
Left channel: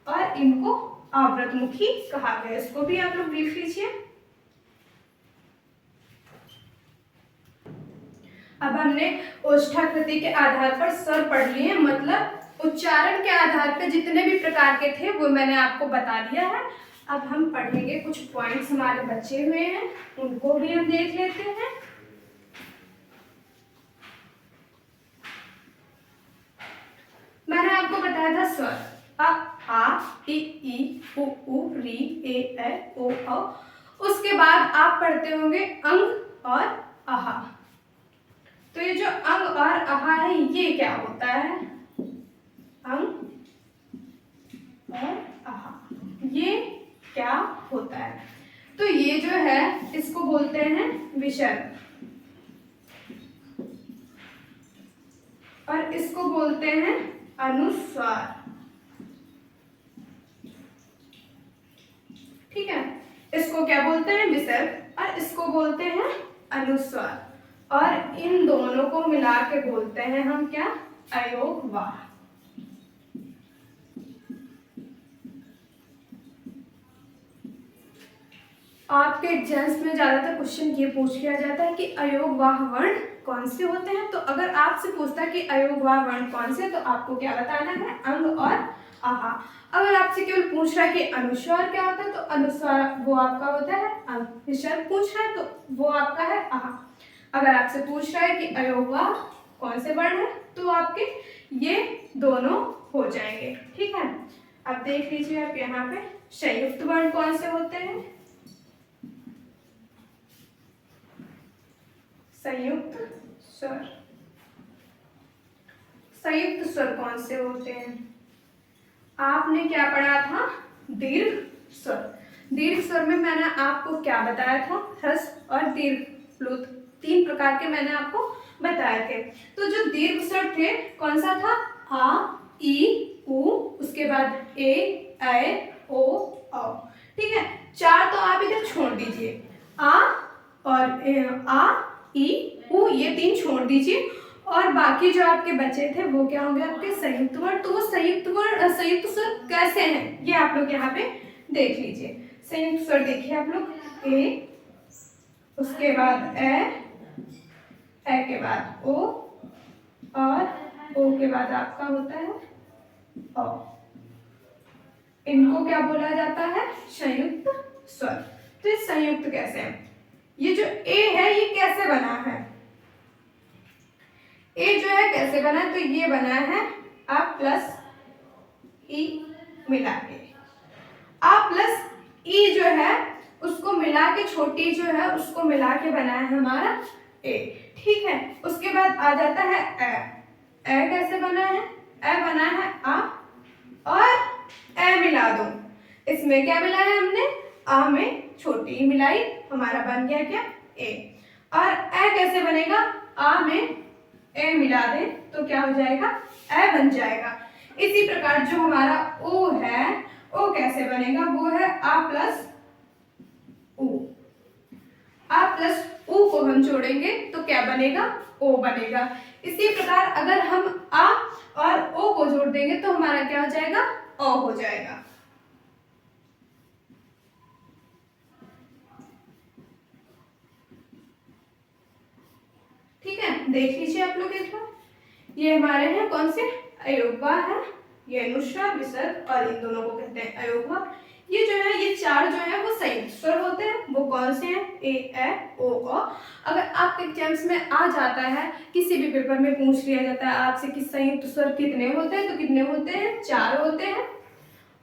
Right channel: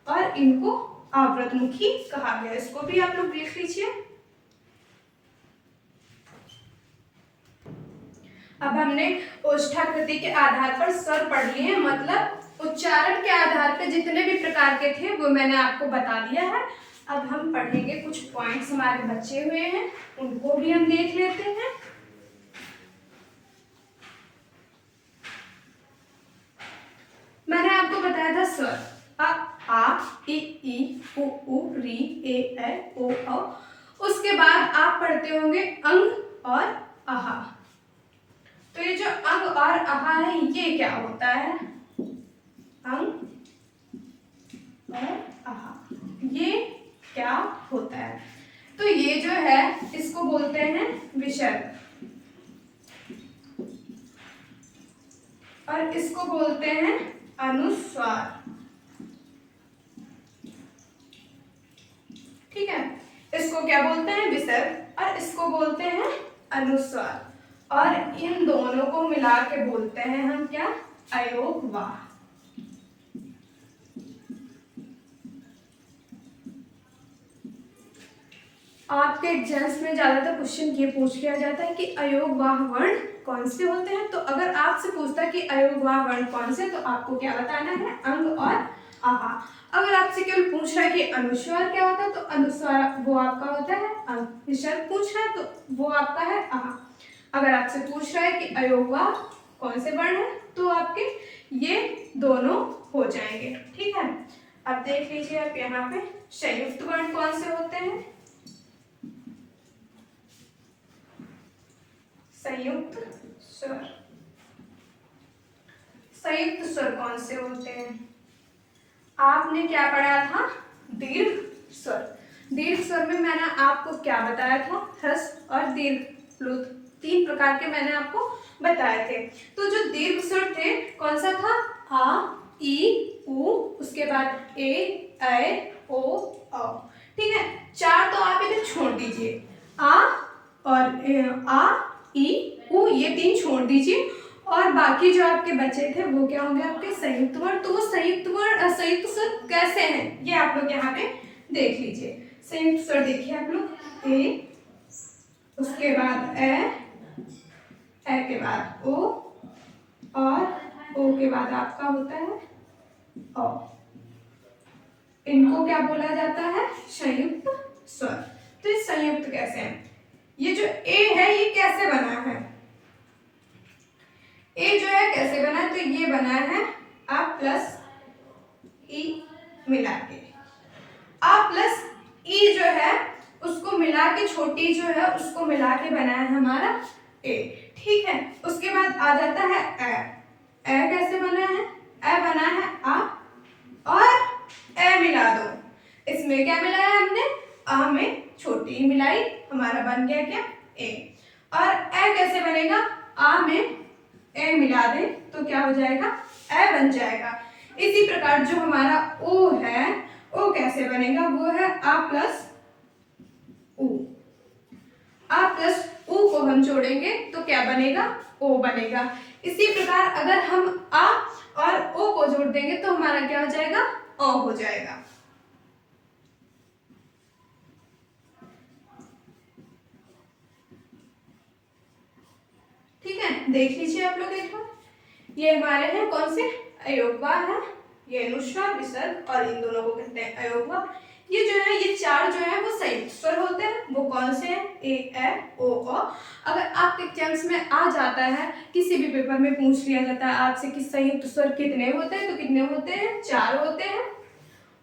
और इनको आवृतमुखी कहा गया। इसको भी आप लोग देख लीजिए। अब हमने ओष्ठाकृति के आधार पर स्वर पढ़ लिए, मतलब उच्चारण के आधार पर जितने भी प्रकार के थे वो मैंने आपको बता दिया है। अब हम पढ़ेंगे, कुछ पॉइंट्स हमारे बचे हुए हैं उनको भी हम देख लेते हैं। मैंने आपको बताया था स्वर आ, ई, उ, री, ए, ओ, औ। उसके बाद आप पढ़ते होंगे अंग और आहा। तो ये जो अंग और आहा है ये क्या होता है, अंग और आहा ये क्या होता है, तो ये जो है इसको बोलते हैं विसर्ग, और इसको बोलते हैं अनुस्वार, ठीक है। इसको क्या बोलते हैं, विसर्ग, और इसको बोलते हैं अनुस्वार, और इन दोनों को मिला के बोलते हैं हम क्या, अयोगवाह। आपके एग्जाम्स में ज्यादातर क्वेश्चन ये पूछ लिया जाता है कि अयोगवाह वर्ण कौन से होते हैं। तो अगर आपसे पूछता है कि अयोगवाह वर्ण कौन से, तो आपको क्या बताना है, अंग और आहा। अगर आपसे केवल पूछ रहा है कि अनुस्वार क्या होता है, तो अनुस्वार वो आपका होता है अंग। विसर्ग पूछ रहा है तो वो आपका है आहा। अगर आपसे पूछ रहा है कि अयोगवाह कौन से वर्ण है, तो आपके ये दोनों हो जाएंगे, ठीक है। अब देख लीजिए आप यहाँ पे संयुक्त वर्ण कौन से होते हैं, संयुक्त स्वर। संयुक्त स्वर कौन से होते हैं, आपने क्या पढ़ा था, दीर्घ स्वर। दीर्घ स्वर में मैंने आपको क्या बताया था, ह्रस्व और दीर्घ प्लुत 3 प्रकार के मैंने आपको बताए थे। तो जो दीर्घ स्वर थे कौन सा था, आ, ई, उ, उसके बाद ए, ऐ, ओ, औ, ठीक है। 4 तो आप इधर छोड़ दीजिए, आ और आ, ई, उ, ये 3 छोड़ दीजिए, और बाकी जो आपके बचे थे वो क्या होंगे, आपके संयुक्त वर्ण। तो वो संयुक्त स्वर कैसे हैं ये आप लोग यहाँ पे देख लीजिए। संयुक्त स्वर देखिए आप लोग, ए, उसके बाद ए के बाद ओ, और ओ के बाद आपका होता है औ। इनको क्या बोला जाता है, संयुक्त स्वर। तो ये संयुक्त कैसे है, ये जो ए है ये कैसे बना है, ए जो है कैसे बना है, तो ये बना है आ प्लस ई मिला के। आ प्लस ई जो है उसको मिला के, छोटी जो है उसको मिला के बना है हमारा ए, ठीक है। उसके बाद आ जाता है ए कैसे बना है, ए बना है आ, और ए मिला दो, इसमें क्या मिलाया हमने, आ में छोटी मिलाई, हमारा बन गया क्या, ए। और ए कैसे बनेगा, आ में ए मिला दे तो क्या हो जाएगा, ए बन जाएगा। इसी प्रकार जो हमारा ओ है, ओ कैसे बनेगा, वो है आ प्लस ऊ। आ प्लस ऊ को हम जोड़ेंगे तो क्या बनेगा, ओ बनेगा। इसी प्रकार अगर हम आ और ओ को जोड़ देंगे तो हमारा क्या हो जाएगा, ओ हो जाएगा। ठीक है, देख लीजिए आप लोग एक बार। ये हमारे हैं कौन से, अयोगवा है, ये अनुस्वार विसर्ग और इन दोनों को कहते हैं अयोगवा। ये जो है, ये चार जो है वो संयुक्त स्वर होते हैं। वो कौन से हैं, ए ओ ओ। अगर आपके एग्जाम्स में आ जाता है, किसी भी पेपर में पूछ लिया जाता है आपसे कि संयुक्त स्वर कितने होते हैं, तो कितने होते हैं, 4 होते हैं।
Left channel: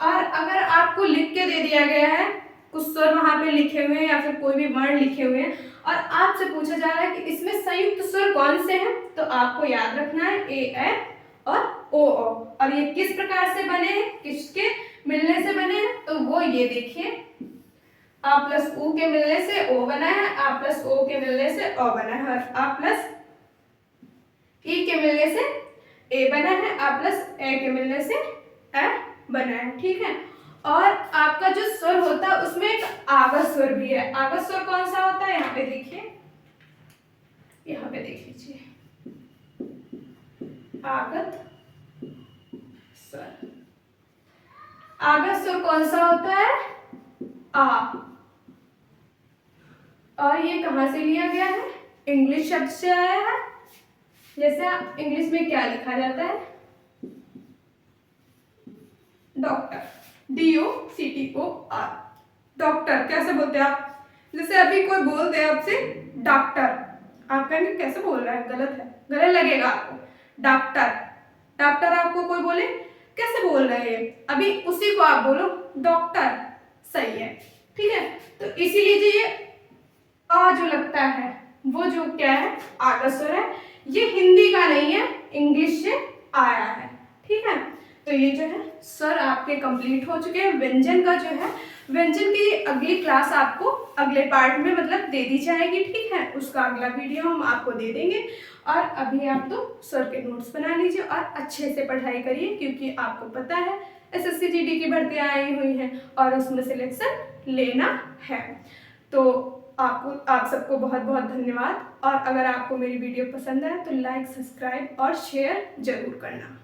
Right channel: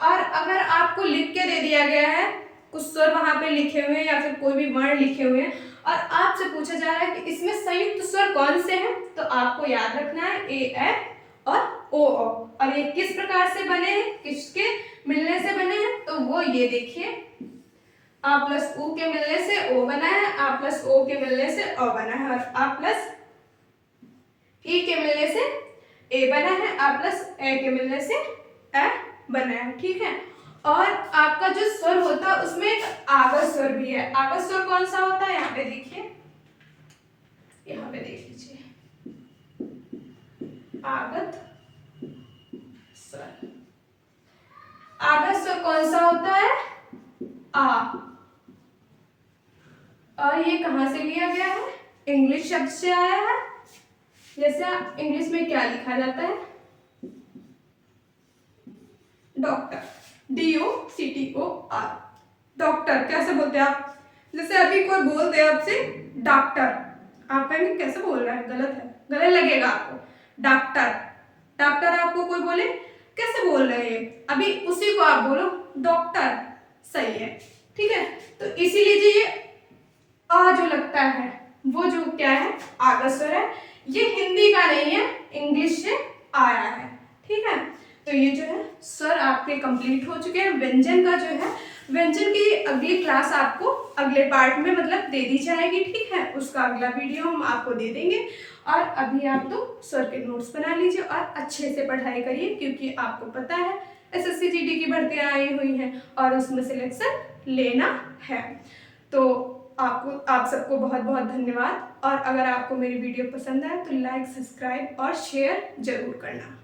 और अगर आपको लिख के दे दिया गया है, कुछ स्वर वहां पे लिखे हुए हैं या फिर कोई भी वर्ण लिखे हुए हैं और आपसे पूछा जा रहा है कि इसमें संयुक्त स्वर कौन से हैं, तो आपको याद रखना है ए और ओ। और ये किस प्रकार से बने हैं, किसके मिलने से बने हैं, तो वो ये देखिए, आ प्लस ऊ के मिलने से ओ बना है, आ प्लस ओ के मिलने से ओ बना है, और आ प्लस ई के मिलने से ए बना है, आ प्लस ए के मिलने से ए बना है। ठीक है, और आपका जो स्वर होता है उसमें एक आगत स्वर भी है। आगत स्वर कौन सा होता है, यहाँ पे देखिए, यहाँ पे देख लीजिए, आगत स्वर। आगत स्वर कौन सा होता है, आ। और ये कहां से लिया गया है, इंग्लिश शब्द से आया है। जैसे इंग्लिश में क्या लिखा जाता है, डॉक्टर, DOCTOR, डॉक्टर कैसे बोलते हैं आप। जैसे अभी कोई बोल दे आपसे डॉक्टर, आप कहेंगे कैसे बोल रहा है, गलत है, गलत लगेगा आपको। डॉक्टर, डॉक्टर आपको कोई बोले कैसे बोल रहे हैं, अभी उसी को आप बोलो डॉक्टर, सही है। ठीक है, तो इसीलिए ये आ जो लगता है वो जो क्या है, आगत स्वर है। ये हिंदी का नहीं है, इंग्लिश से आया है। ठीक है, तो ये जो है स्वर आपके कंप्लीट हो चुके हैं। व्यंजन का जो है, व्यंजन की अगली क्लास आपको अगले पार्ट में मतलब दे दी जाएगी। ठीक है, उसका अगला वीडियो हम आपको दे देंगे। और अभी आप तो स्वर के नोट्स बना लीजिए और अच्छे से पढ़ाई करिए, क्योंकि आपको पता है SSC GD की भर्तियाँ आई हुई हैं और उसमें सिलेक्शन लेना है। तो आप सबको बहुत बहुत धन्यवाद। और अगर आपको मेरी वीडियो पसंद आए तो लाइक, सब्सक्राइब और शेयर जरूर करना।